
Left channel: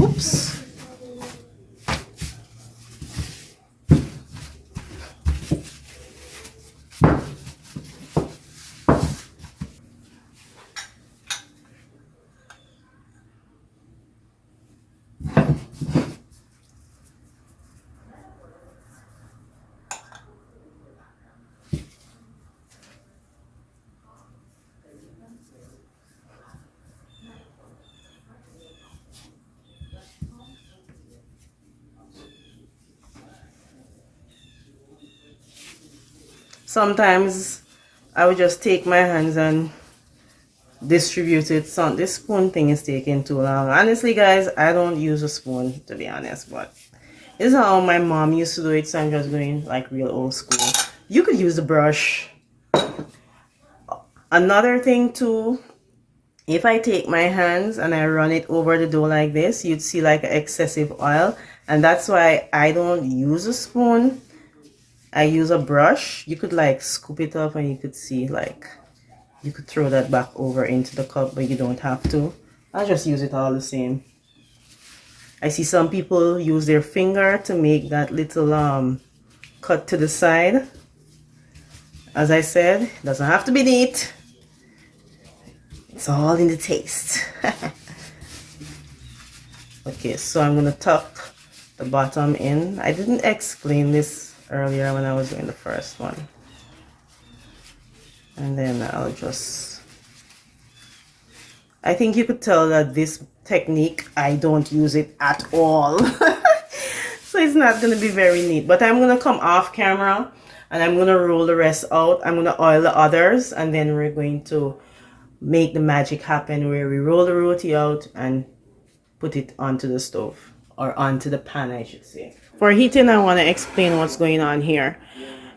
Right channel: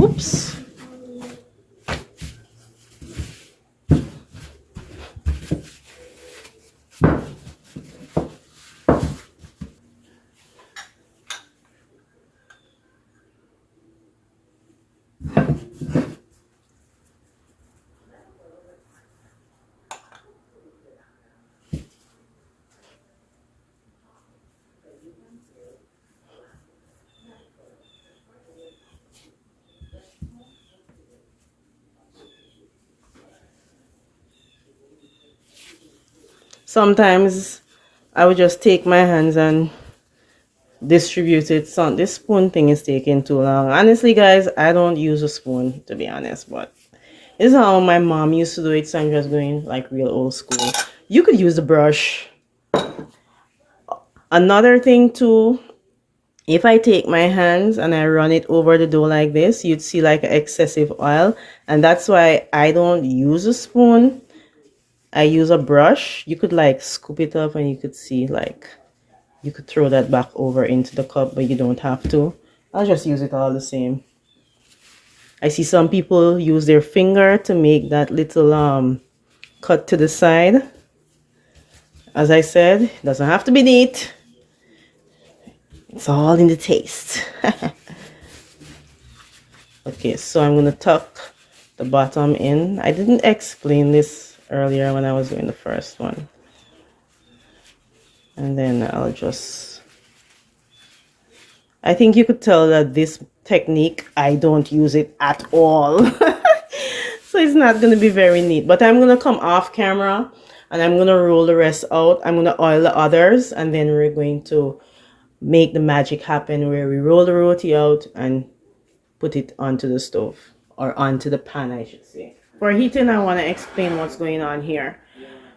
Oops. Sometimes I would just take my hands and distribute it. So this spoon thing is taking too long. Honestly, guys, I don't use a spoon, to be honest, but this is how my mom used to do it, so I'm just going like real old school. You could use the brush. Another thing too, if I take my hands and I run it over the dough like this, you'd see like excessive oil, and that's why I don't use a spoon. I use a brush. You could like scoop it up and you could see like you could throw that back over into the cup, but you don't have to. I'll just use it all the same. I see some people use their finger to make that little cut to the side. As I said, it doesn't have to be neat. It's all in the taste. Okay, so I'm gonna tuck the bottom in. I didn't explain this earlier when I was doing the first one. And then I'll just, I think you could tell that this technique, I don't use it at all. So it's not going to be very neat. But I'm going to come off camera and I'm going to roll the rest out. I'm going to oil the others and then we're going to make the magic happen where we roll the roti out and put it onto the stove or onto the pan, I should say. For heating, I want to explain what's going on here.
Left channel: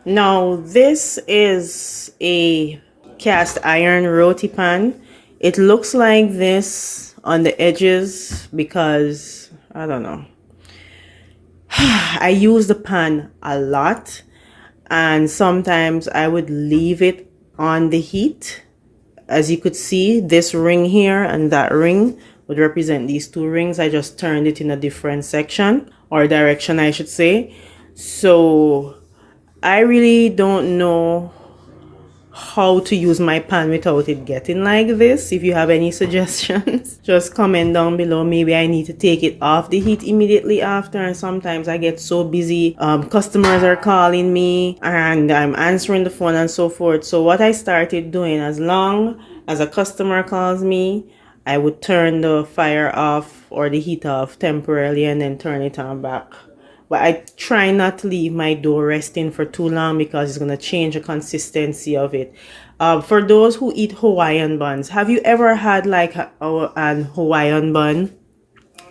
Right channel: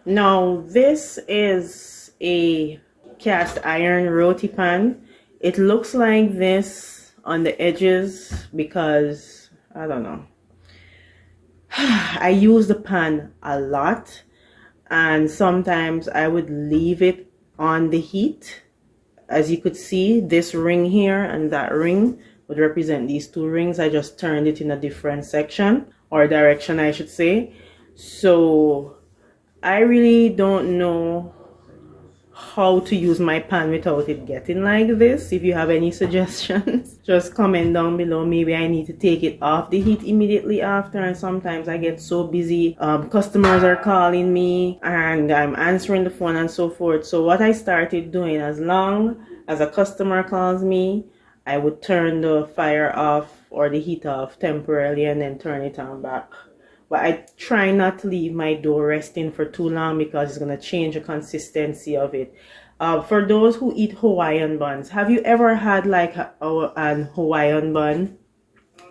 Now, this is a cast iron roti pan. It looks like this on the edges because, I don't know. I use the pan a lot and sometimes I would leave it on the heat. As you could see, this ring here and that ring would represent these two rings. I just turned it in a different section or direction, I should say. So I really don't know how to use my pan without it getting like this. If you have any suggestions, just comment down below. Maybe I need to take it off the heat immediately after, and sometimes I get so busy, customers are calling me and I'm answering the phone and so forth. So what I started doing, as long as a customer calls me, I would turn the fire off or the heat off temporarily and then turn it on back. But I try not to leave my dough resting for too long because it's going to change the consistency of it. For those who eat Hawaiian buns, have you ever had like an Hawaiian bun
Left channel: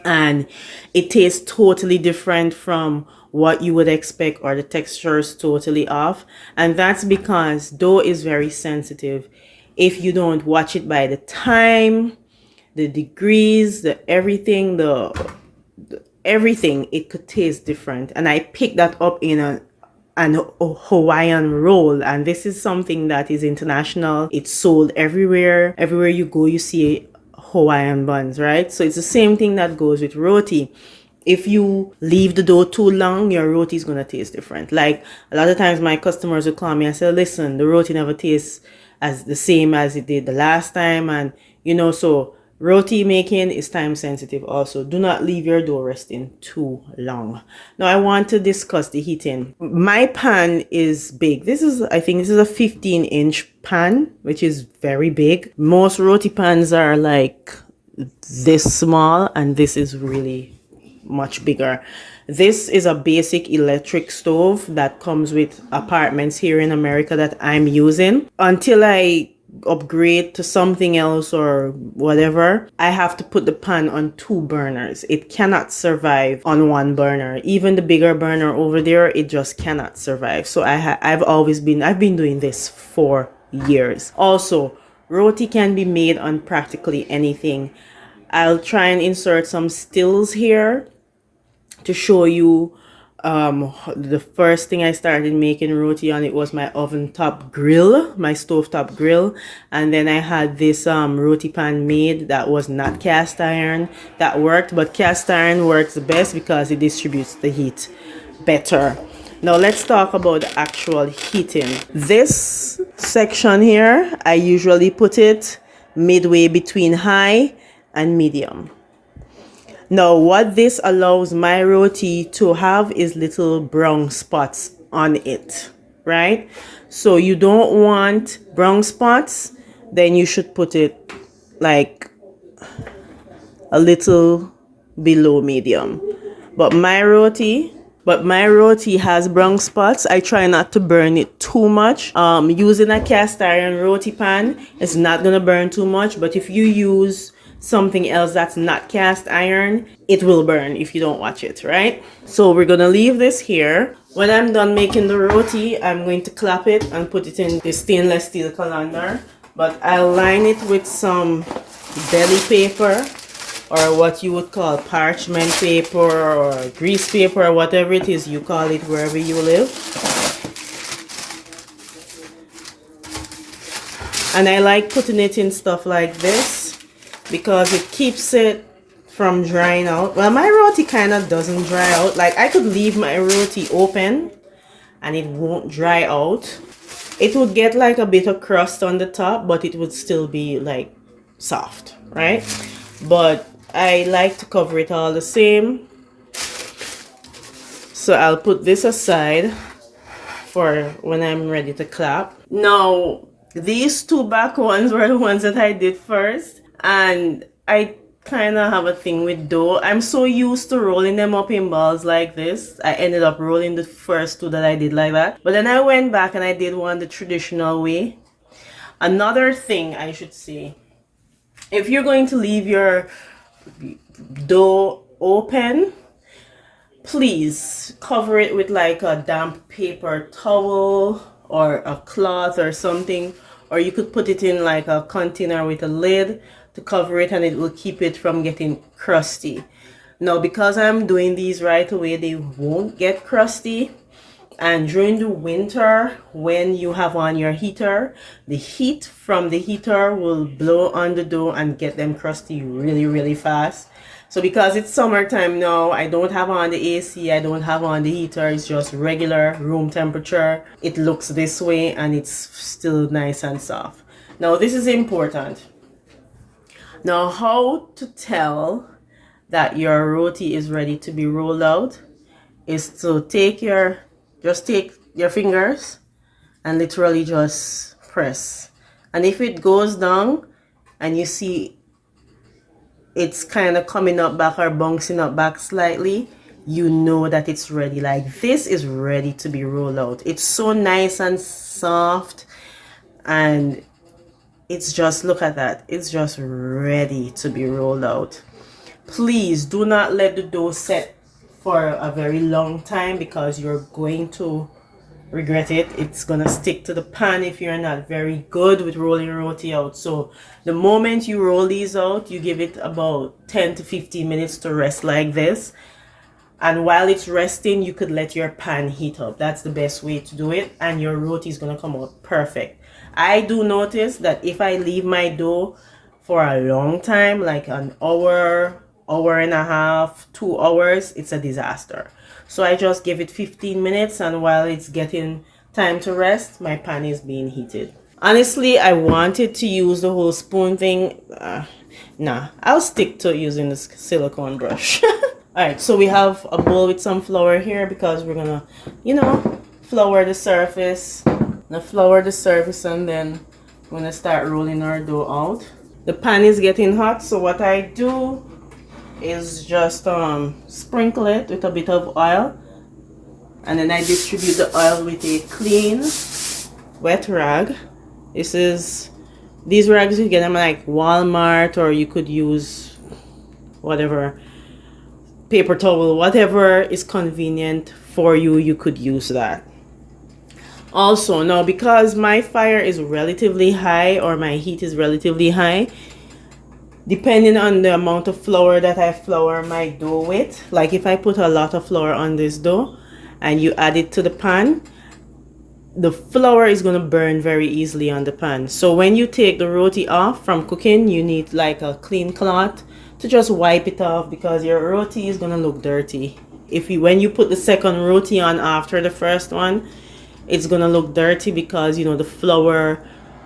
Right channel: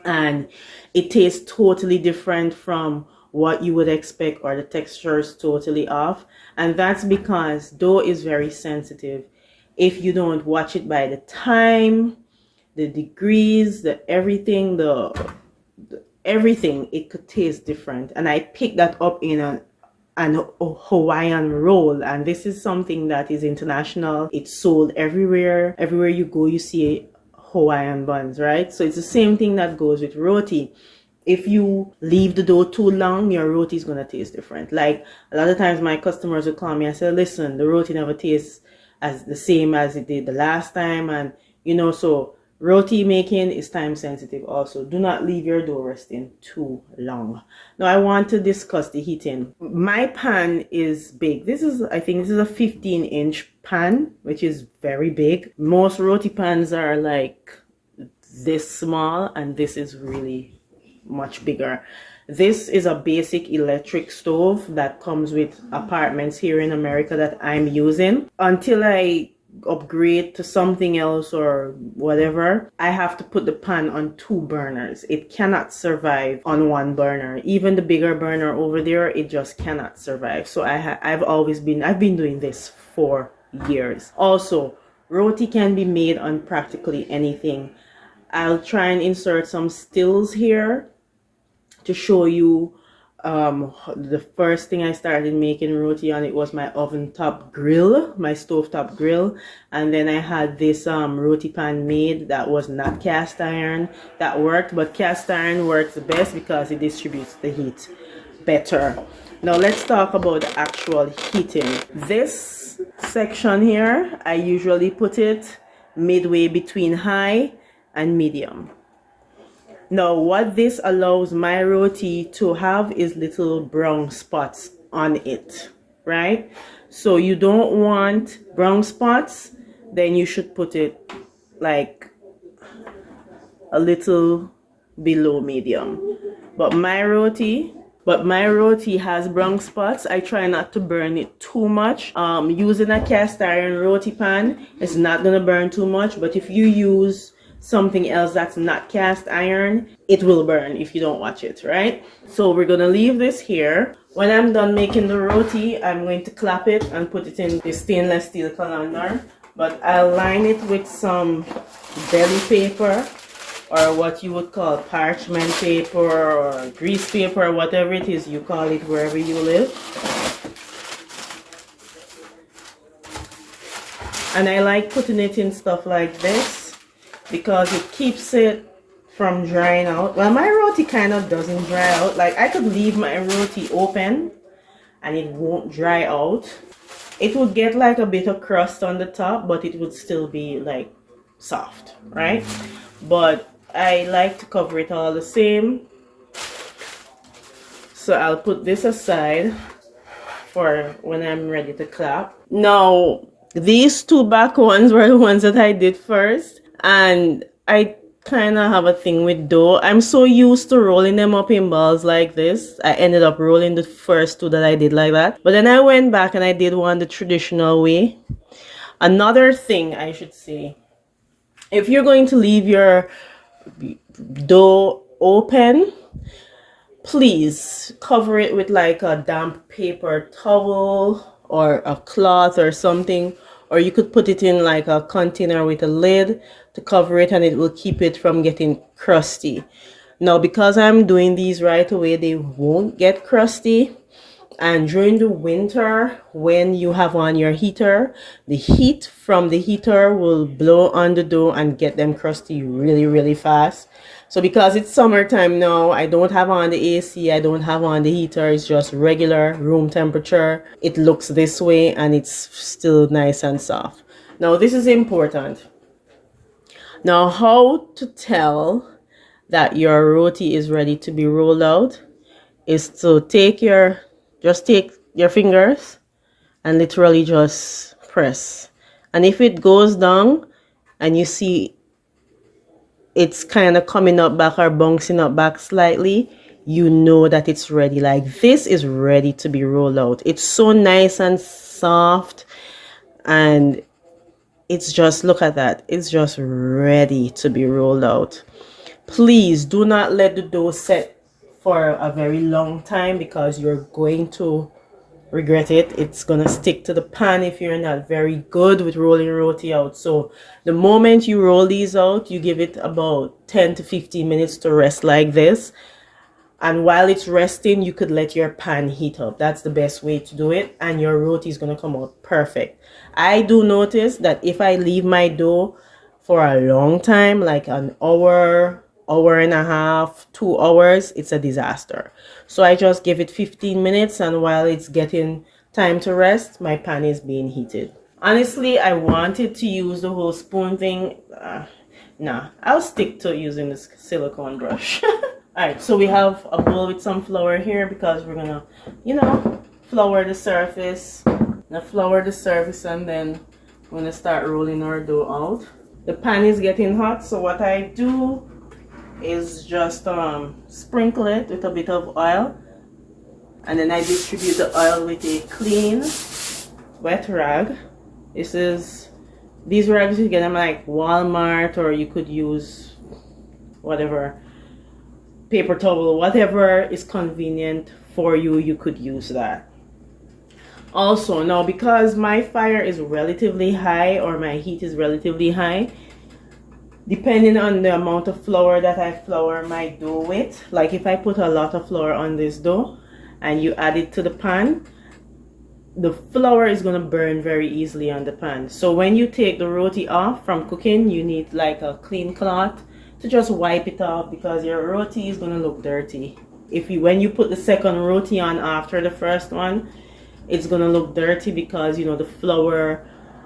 and it tastes totally different from what you would expect, or the texture is totally off? And that's because dough is very sensitive. if you don't watch it by the time, the degrees, the everything, the everything, it could taste different. And I picked that up in an Hawaiian roll, and this is something that is international. It's sold everywhere. Everywhere you go, you see Hawaiian buns, right? So it's the same thing that goes with roti. If you leave the dough too long, your roti is gonna taste different. Like a lot of times my customers will call me and say, listen, the roti never tastes as the same as it did the last time. And so roti making is time sensitive also. Do not leave your dough resting too long. Now I want to discuss the heating. My pan is big. I think this is a 15-inch pan, which is very big. Most roti pans are like this small, and this is really much bigger. This is a basic electric stove that comes with apartments here in America that I'm using. Until I upgrade to something else or whatever, I have to put the pan on 2 burners. It cannot survive on 1 burner. Even the bigger burner over there, it just cannot survive. So I've been doing this for years. Also, roti can be made on practically anything. I'll try and insert some stills here to show you the first thing I started making roti on. It was my oven top grill, my stove top grill, and then I had this roti pan made that was not cast iron. That worked, but cast iron works the best because it distributes the heat better. Now let's talk about the actual heating. This section here, I usually put it midway between high and medium. Now, what this allows my roti to have is little brown spots on it, right? So you don't want brown spots, then you should put it like a little below medium. But my roti has brown spots. I try not to burn it too much. Using a cast iron roti pan is not gonna burn too much, but if you use something else that's not cast iron, it will burn if you don't watch it, right? So we're gonna leave this here. When I'm done making the roti, I'm going to clap it and put it in the stainless steel colander, but I'll line it with some deli paper, or what you would call parchment paper or grease paper, or whatever it is you call it wherever you live. And I like putting it in stuff like this because it keeps it from drying out. Well, my roti kind of doesn't dry out. Like, I could leave my roti open and it won't dry out. It would get like a bit of crust on the top, but it would still be like soft, right? But I like to cover it all the same. So I'll put this aside for when I'm ready to clap. Now, these 2 back ones were the ones that I did first. And I kind of have a thing with dough. I'm so used to rolling them up in balls like this. I ended up rolling the first 2 that I did like that. But then I went back and I did one the traditional way. Another thing I should say, if you're going to leave your dough open, please cover it with like a damp paper towel or a cloth or something. Or you could put it in like a container with a lid to cover it, and it will keep it from getting crusty. Now, because I'm doing these right away, they won't get crusty. And during the winter, when you have on your heater, the heat from the heater will blow on the dough and get them crusty really, really fast. So because it's summertime now, I don't have on the AC, I don't have on the heater, it's just regular room temperature. It looks this way and it's still nice and soft. Now, this is important. Now, how to tell that your roti is ready to be rolled out is to take your fingers and literally just press. And if it goes down and you see it's kind of coming up back or bouncing up back slightly, you know that it's ready. Like, this is ready to be rolled out. It's so nice and soft, and it's just, look at that, it's just ready to be rolled out. Please do not let the dough set for a very long time, because you're going to regret it. It's gonna stick to the pan if you're not very good with rolling roti out. So the moment you roll these out, you give it about 10 to 15 minutes to rest like this. And while it's resting, you could let your pan heat up. That's the best way to do it, and your roti is gonna come out perfect. I do notice that if I leave my dough for a long time, like an hour, hour and a half, 2 hours, it's a disaster. So I just give it 15 minutes, and while it's getting time to rest, my pan is being heated. Honestly, I wanted to use the whole spoon thing. Nah, I'll stick to using this silicone brush. Alright, so we have a bowl with some flour here because we're gonna, flour the surface. Now flour the surface, and then we're gonna start rolling our dough out. The pan is getting hot, so what I do is just sprinkle it with a bit of oil, and then I distribute the oil with a clean wet rag. These rags you get them like Walmart, or you could use whatever, paper towel, whatever is convenient for you, you could use that. Also, now because my fire is relatively high, or my heat is relatively high, depending on the amount of flour that I flour my dough with, like if I put a lot of flour on this dough and you add it to the pan, the flour is going to burn very easily on the pan. So when you take the roti off from cooking, you need like a clean cloth to just wipe it off, because your roti is going to look dirty. When you put the second roti on after the first one, it's going to look dirty because the flour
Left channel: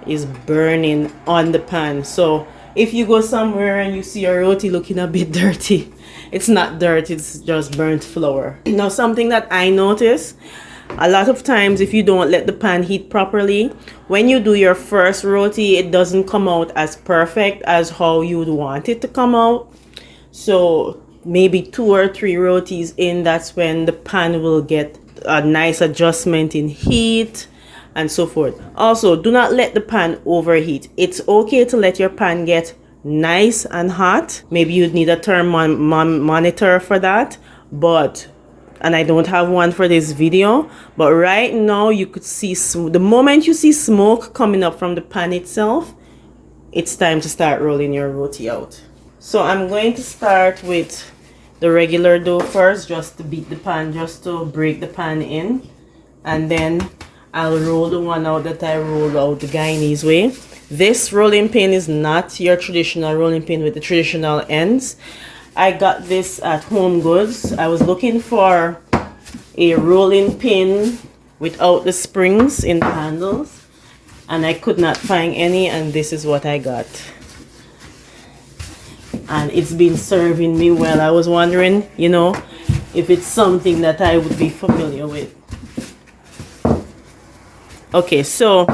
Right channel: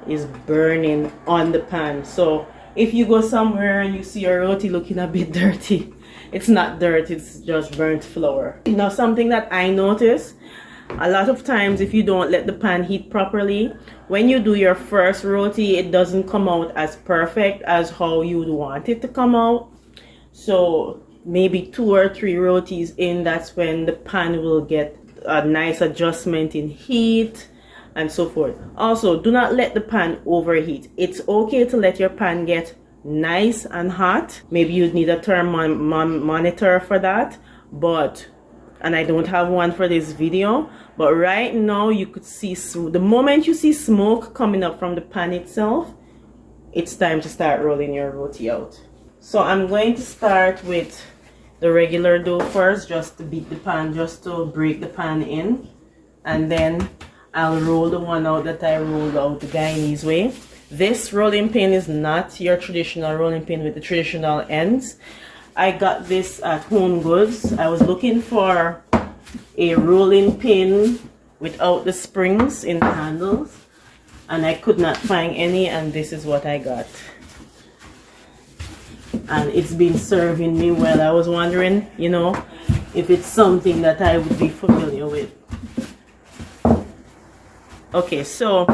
is burning on the pan. So if you go somewhere and you see your roti looking a bit dirty, it's not dirt, it's just burnt flour. Now, something that I notice a lot of times, if you don't let the pan heat properly, when you do your first roti, it doesn't come out as perfect as how you'd want it to come out. So maybe 2 or 3 rotis in, that's when the pan will get a nice adjustment in heat and so forth. Also, do not let the pan overheat. It's okay to let your pan get nice and hot. Maybe you'd need a thermometer for that, and I don't have one for this video, but right now you could see the moment you see smoke coming up from the pan itself, it's time to start rolling your roti out. So I'm going to start with the regular dough first, just to beat the pan, just to break the pan in, and then I'll roll the one out that I rolled out the Guyanese way. This rolling pin is not your traditional rolling pin with the traditional ends. I got this at Home Goods. I was looking for a rolling pin without the springs in the handles, and I could not find any, and this is what I got. And it's been serving me well. I was wondering, if it's something that I would be familiar with. Okay, so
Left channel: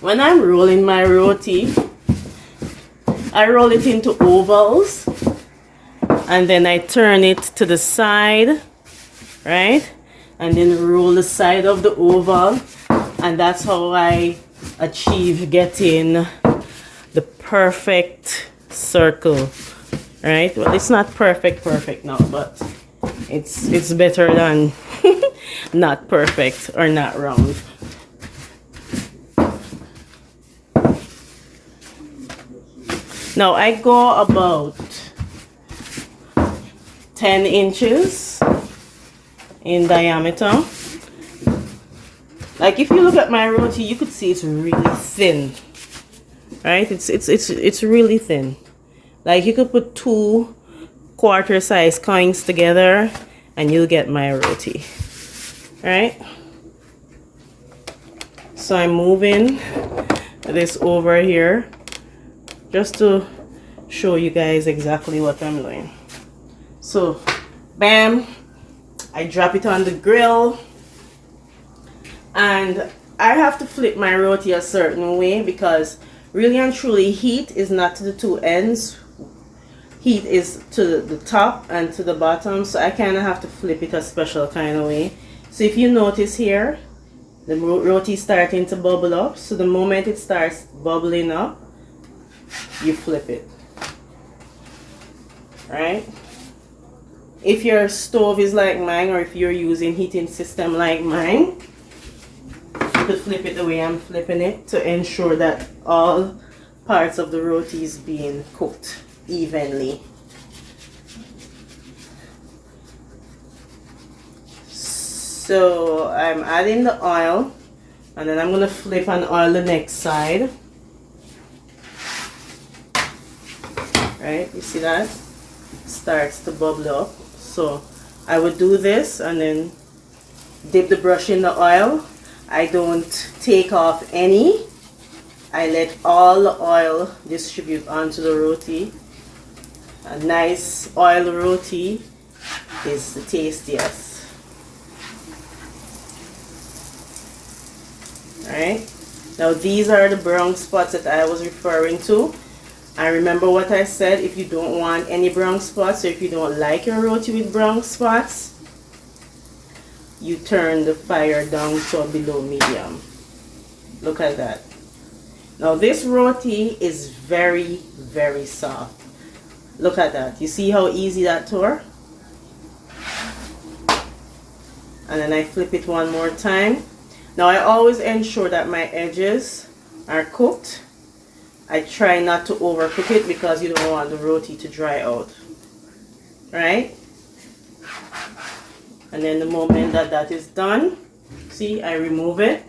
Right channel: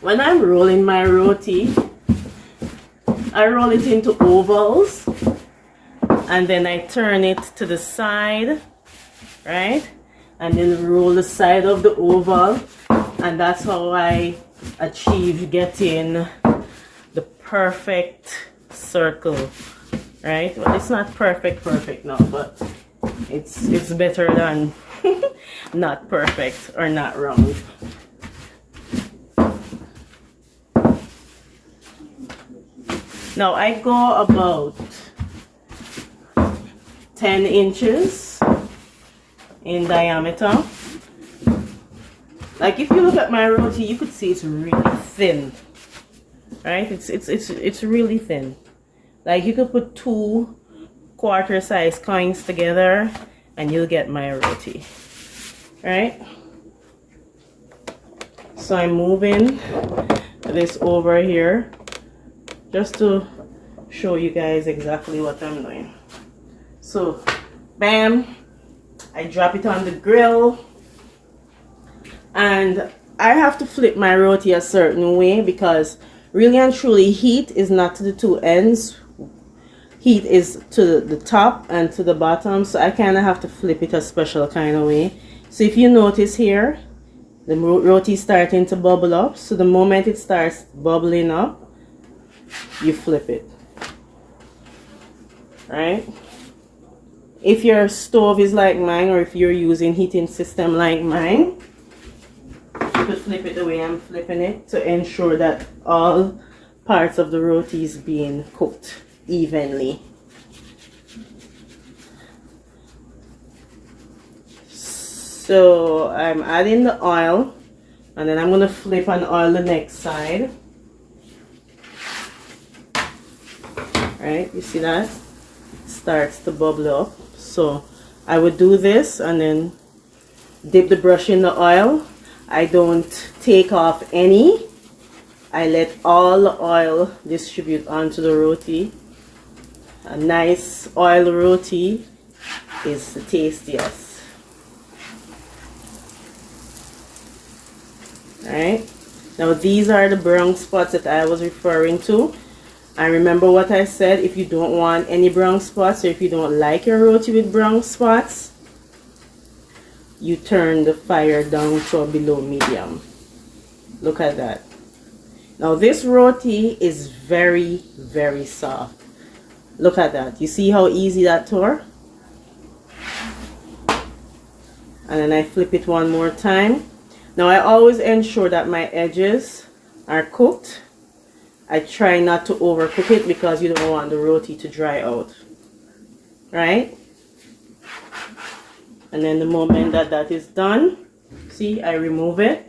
when I'm rolling my roti, I roll it into ovals, and then I turn it to the side, right? And then roll the side of the oval, and that's how I achieve getting the perfect circle, right? Well, it's not perfect now, but it's better than not perfect or not round. Now I go about 10 inches in diameter. Like if you look at my roti, you could see it's really thin, right? It's really thin. Like you could put 2 quarter-size coins together and you'll get my roti, right? So I'm moving this over here just to show you guys exactly what I'm doing. So bam, I drop it on the grill, and I have to flip my roti a certain way because really and truly heat is not to the 2 ends, heat is to the top and to the bottom, so I kind of have to flip it a special kind of way. So if you notice here, the roti is starting to bubble up, so the moment it starts bubbling up, you flip it, right? If your stove is like mine, or if you're using heating system like mine, You could flip it the way I'm flipping it to ensure that all parts of the roti is being cooked evenly. So I'm adding the oil, and then I'm going to flip and oil the next side. Right, you see that? It starts to bubble up. So I would do this and then dip the brush in the oil. I don't take off any. I let all the oil distribute onto the roti. A nice oil roti is the tastiest. Alright, now these are the brown spots that I was referring to. I remember what I said, if you don't want any brown spots, or if you don't like your roti with brown spots, you turn the fire down to below medium. Look at that. Now this roti is very, very soft. Look at that. You see how easy that tore? And then I flip it one more time. Now I always ensure that my edges are cooked. I try not to overcook it because you don't want the roti to dry out. Right? And then the moment that that is done, see, I remove it.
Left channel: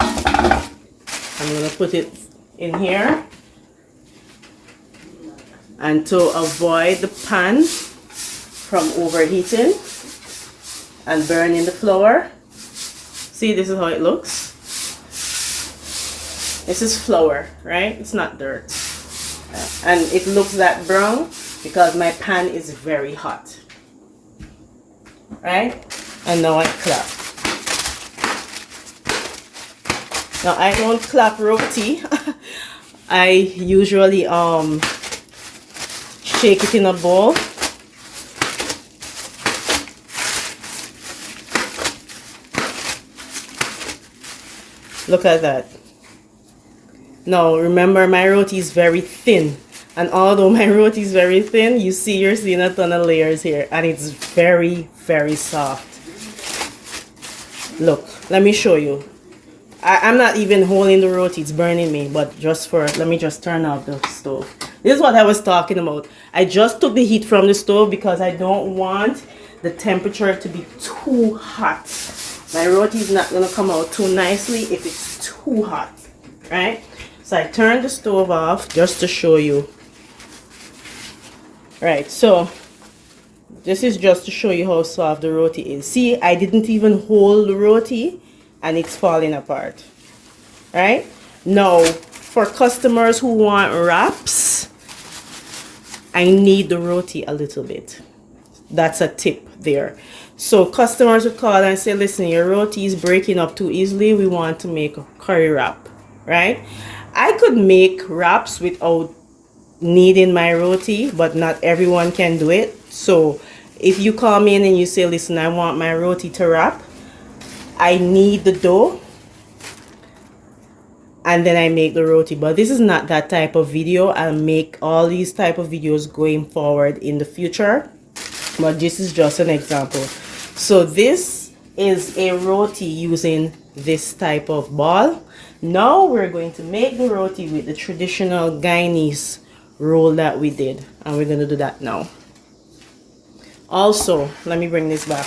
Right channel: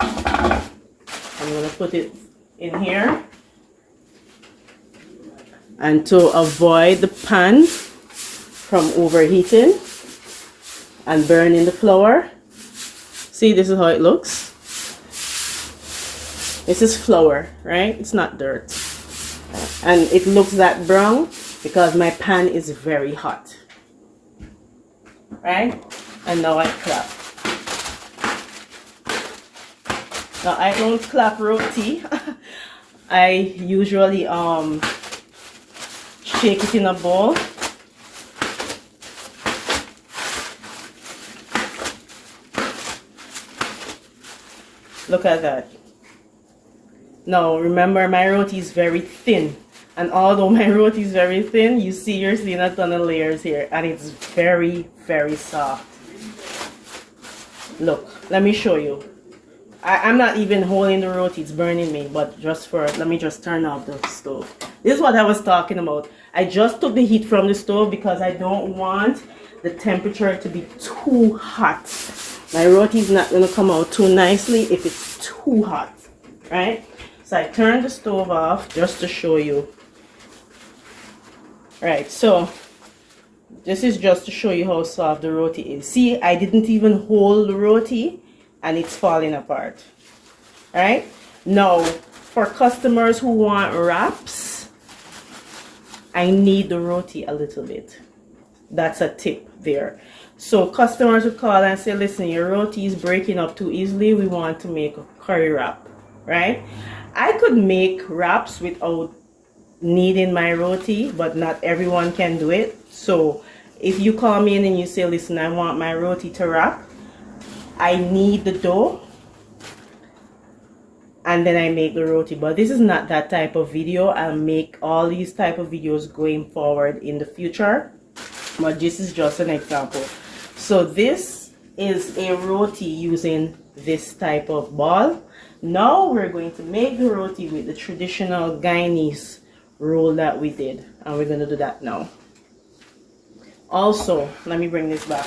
I'm going to put it in here. And to avoid the pan from overheating and burning the flour, see, this is how it looks. This is flour, right? It's not dirt. And it looks that brown because my pan is very hot. Right? And now I clap. Now I don't clap roti. I usually shake it in a bowl. Look at that. Now remember, my roti is very thin, and although my roti is very thin, you're seeing a ton of layers here, and it's very, very soft. Look, let me show you. I'm not even holding the roti, it's burning me, but let me just turn off the stove. This is what I was talking about. I just took the heat from the stove because I don't want the temperature to be too hot. My roti is not going to come out too nicely if it's too hot, right? So I turned the stove off just to show you. Right, so this is just to show you how soft the roti is. See, I didn't even hold the roti and it's falling apart. Right? Now, for customers who want wraps, I knead the roti a little bit. That's a tip there. So customers would call and say, listen, your roti is breaking up too easily. We want to make a curry wrap, right? I could make wraps without kneading my roti, but not everyone can do it. So if you call me in and you say, listen, I want my roti to wrap, I knead the dough and then I make the roti. But this is not that type of video. I'll make all these type of videos going forward in the future, but this is just an example. So this is a roti using this type of ball. Now we're going to make the roti with the traditional Guyanese roll that we did, and we're going to do that now. Also, let me bring this back.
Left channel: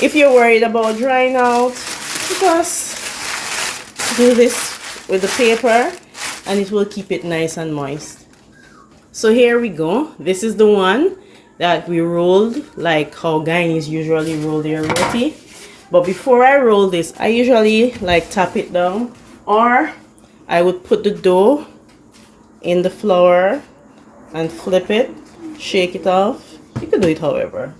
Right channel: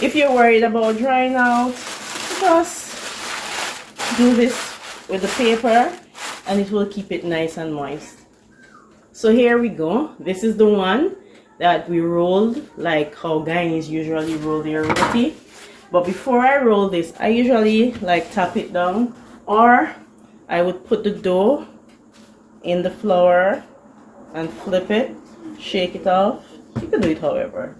If you're worried about drying out, just do this with the paper and it will keep it nice and moist. So here we go. This is the one that we rolled like how Guyanese usually roll their roti. But before I roll this, I usually like tap it down, or I would put the dough in the flour and flip it, shake it off. You can do it however.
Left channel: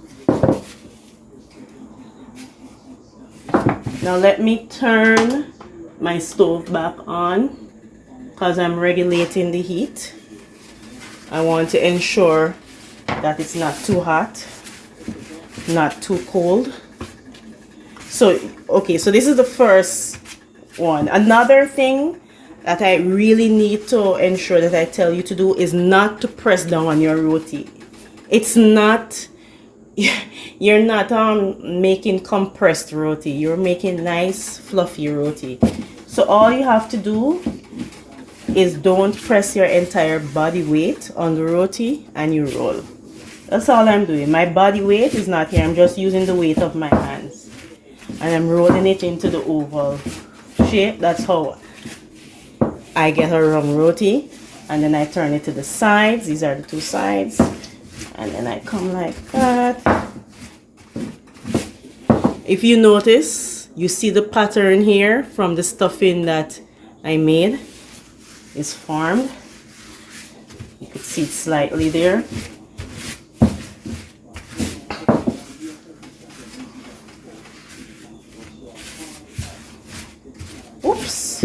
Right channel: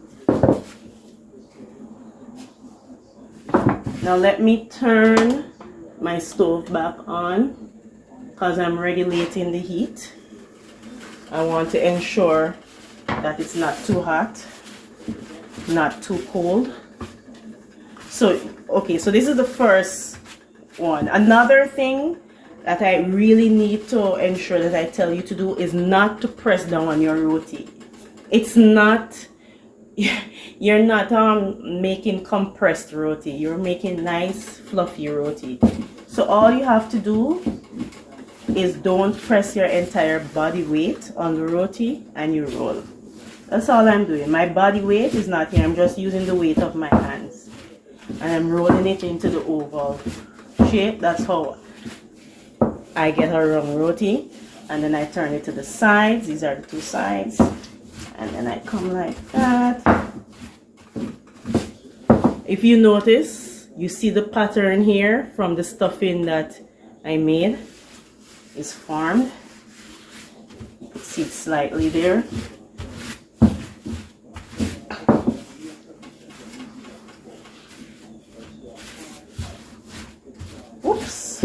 Now let me turn my stove back on because I'm regulating the heat. I want to ensure that it's not too hot, not too cold. So, okay, so this is the first one. Another thing that I really need to ensure that I tell you to do is not to press down on your roti. It's not you're not making compressed roti, you're making nice fluffy roti. So all you have to do is don't press your entire body weight on the roti and you roll. That's all I'm doing. My body weight is not here. I'm just using the weight of my hands and I'm rolling it into the oval shape. That's how I get a wrong roti. And then I turn it to the sides. These are the two sides. And then I come like that. If you notice, you see the pattern here from the stuffing that I made is formed. You can see it slightly there. Oops.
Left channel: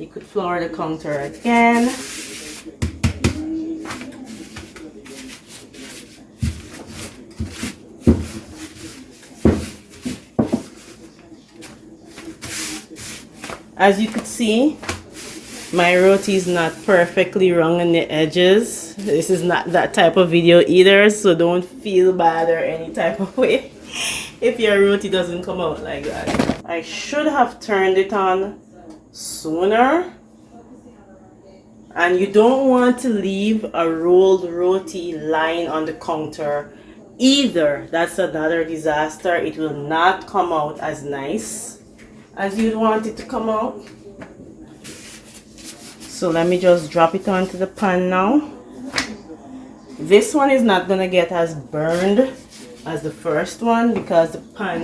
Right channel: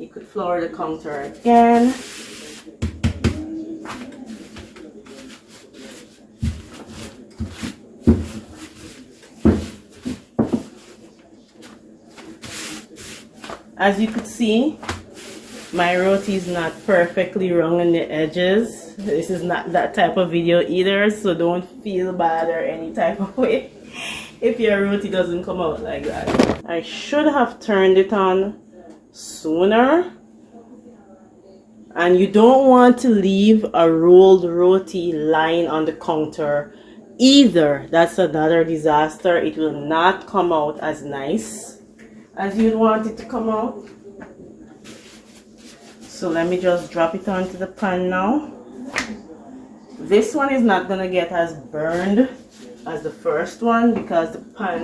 You could flour the counter again. As you could see, my roti is not perfectly wrong on the edges. This is not that type of video either, so don't feel bad or any type of way if your roti doesn't come out like that. I should have turned it on sooner. And you don't want to leave a rolled roti lying on the counter either. That's another disaster. It will not come out as nice as you'd want it to come out. So let me just drop it onto the pan now. This one is not gonna get as burned as the first one because the pan,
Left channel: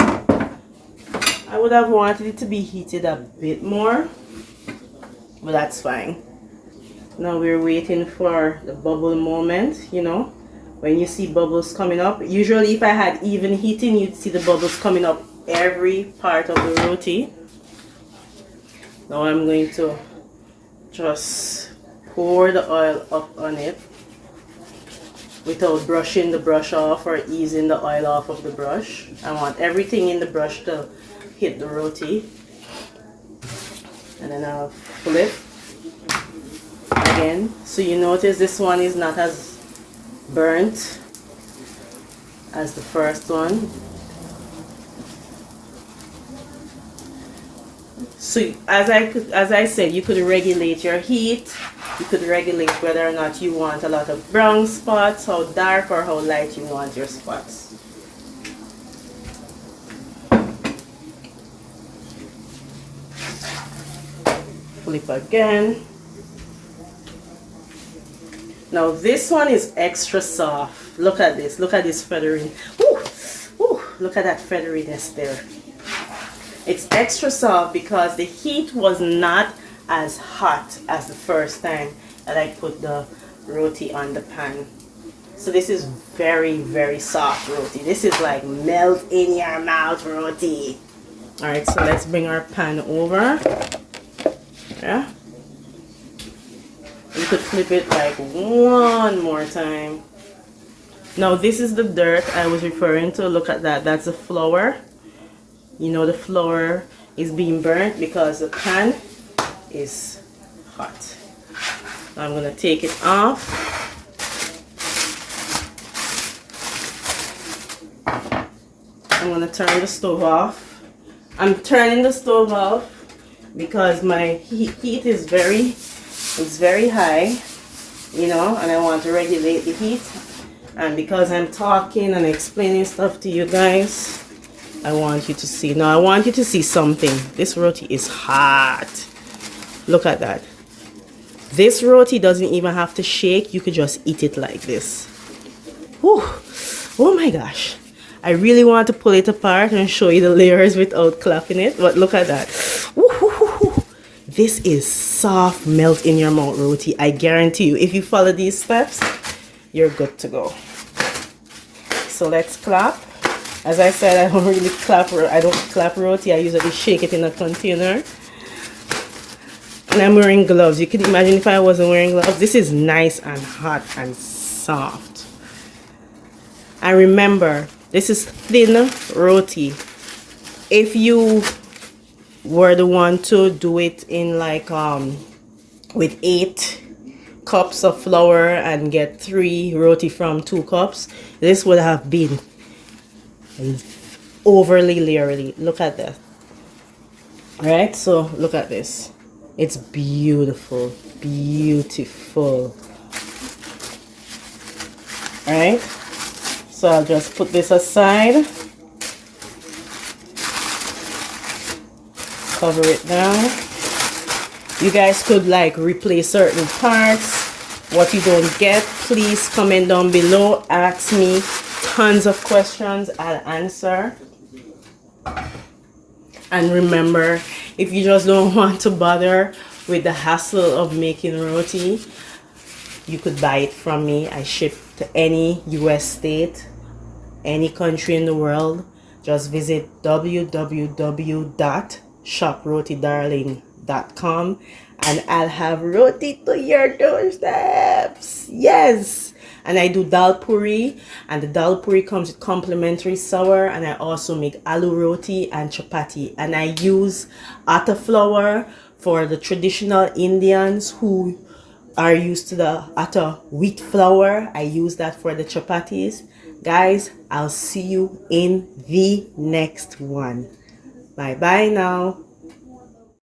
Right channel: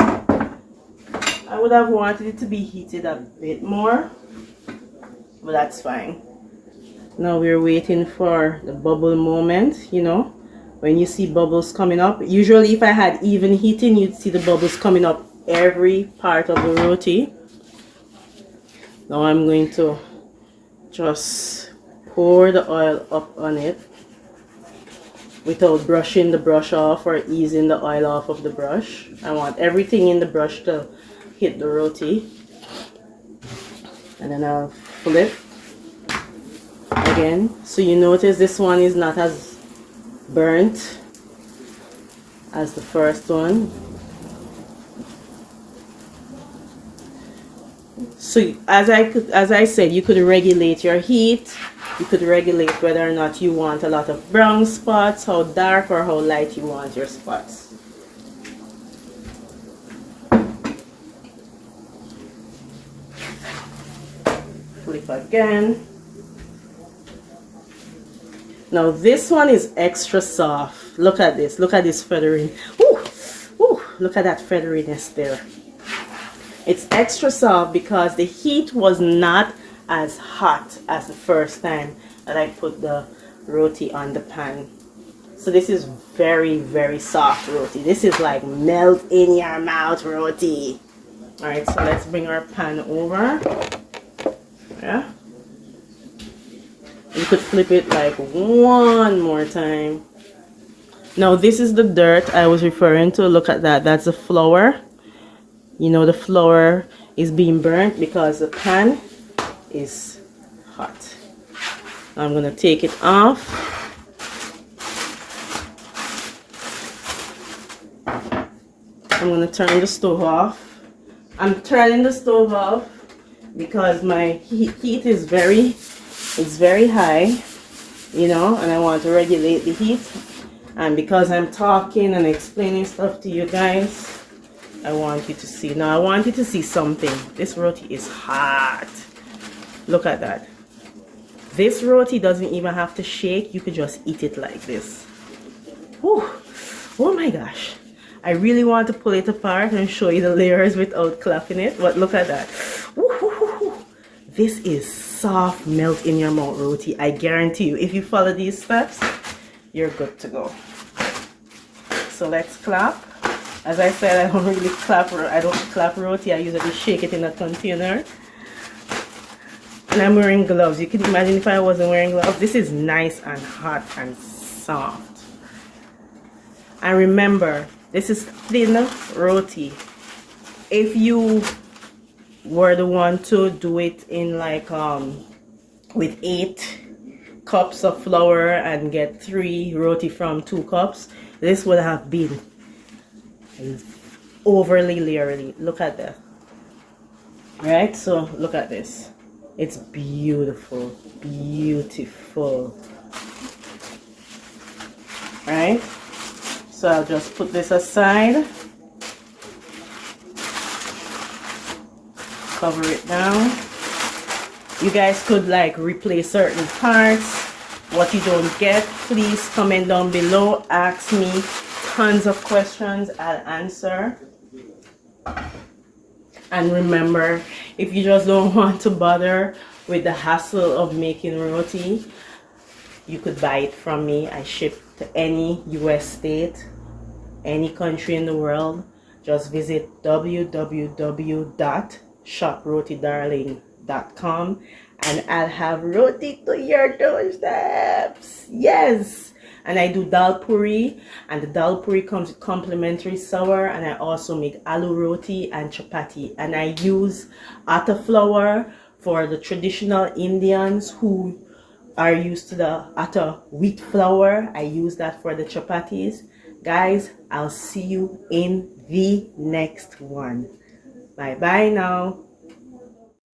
I would have wanted it to be heated a bit more, but that's fine. Now we're waiting for the bubble moment. You know, when you see bubbles coming up, usually if I had even heating, you'd see the bubbles coming up every part of the roti. Now I'm going to just pour the oil up on it without brushing the brush off or easing the oil off of the brush. I want everything in the brush to hit the roti. And then I'll flip again. So you notice this one is not as burnt as the first one. So as I said, you could regulate your heat. You could regulate whether or not you want a lot of brown spots, how dark or how light you want your spots. Flip again. Now this one is extra soft. Look at this. Look at this feathering. Ooh, ooh, look at that featheriness there. It's extra soft because the heat was not as hot as the first time that I put the roti on the pan. So this is very, very soft roti. This is like melt in your mouth roti. Alright, so let's bring our pan over. Yeah. You could flip it like one more time. Now this is the dirt I was referring to. Look at that. That's the flour. You know the flour is being burnt because the pan is hot. I'm going to take it off. I'm going to turn the stove off. I'm turning the stove off because my heat is very high, you know, and I want to regulate the heat. And because I'm talking and explaining stuff to you guys, I want you to see. Now I want you to see something. This roti is hot. Look at that. This roti doesn't even have to shake. You could just eat it like this. Whew. Oh my gosh. I really want to pull it apart and show you the layers without clapping it. But look at that. Woo-hoo-hoo-hoo. This is soft, melt in your mouth roti. I guarantee you, if you follow these steps, you're good to go. So let's clap. As I said, I don't really clap. I don't clap roti. I usually shake it in a container. And I'm wearing gloves. You can imagine if I wasn't wearing gloves. This is nice and hot and soft. And remember, this is thin roti. If you were the one to do it in like with 8 cups of flour and get 3 roti from 2 cups, this would have been overly layery. Look at that. All right, so look at this. It's beautiful, beautiful. All right, so I'll just put this aside, cover it down. You guys could like replace certain parts. What you don't get, please comment down below. Ask me tons of questions, I'll answer. And remember, if you just don't want to bother with the hassle of making roti, you could buy it from me. I ship to any US state, any country in the world. Just visit www.shoprotidarling.com and I'll have roti to your doorsteps. Yes. And I do dal puri, and the dal puri comes with complimentary sour, and I also make aloo roti and chapati. And I use atta flour for the traditional Indians who are used to the atta wheat flour. I use that for the chapatis. Guys, I'll see you in the next one. Bye bye now.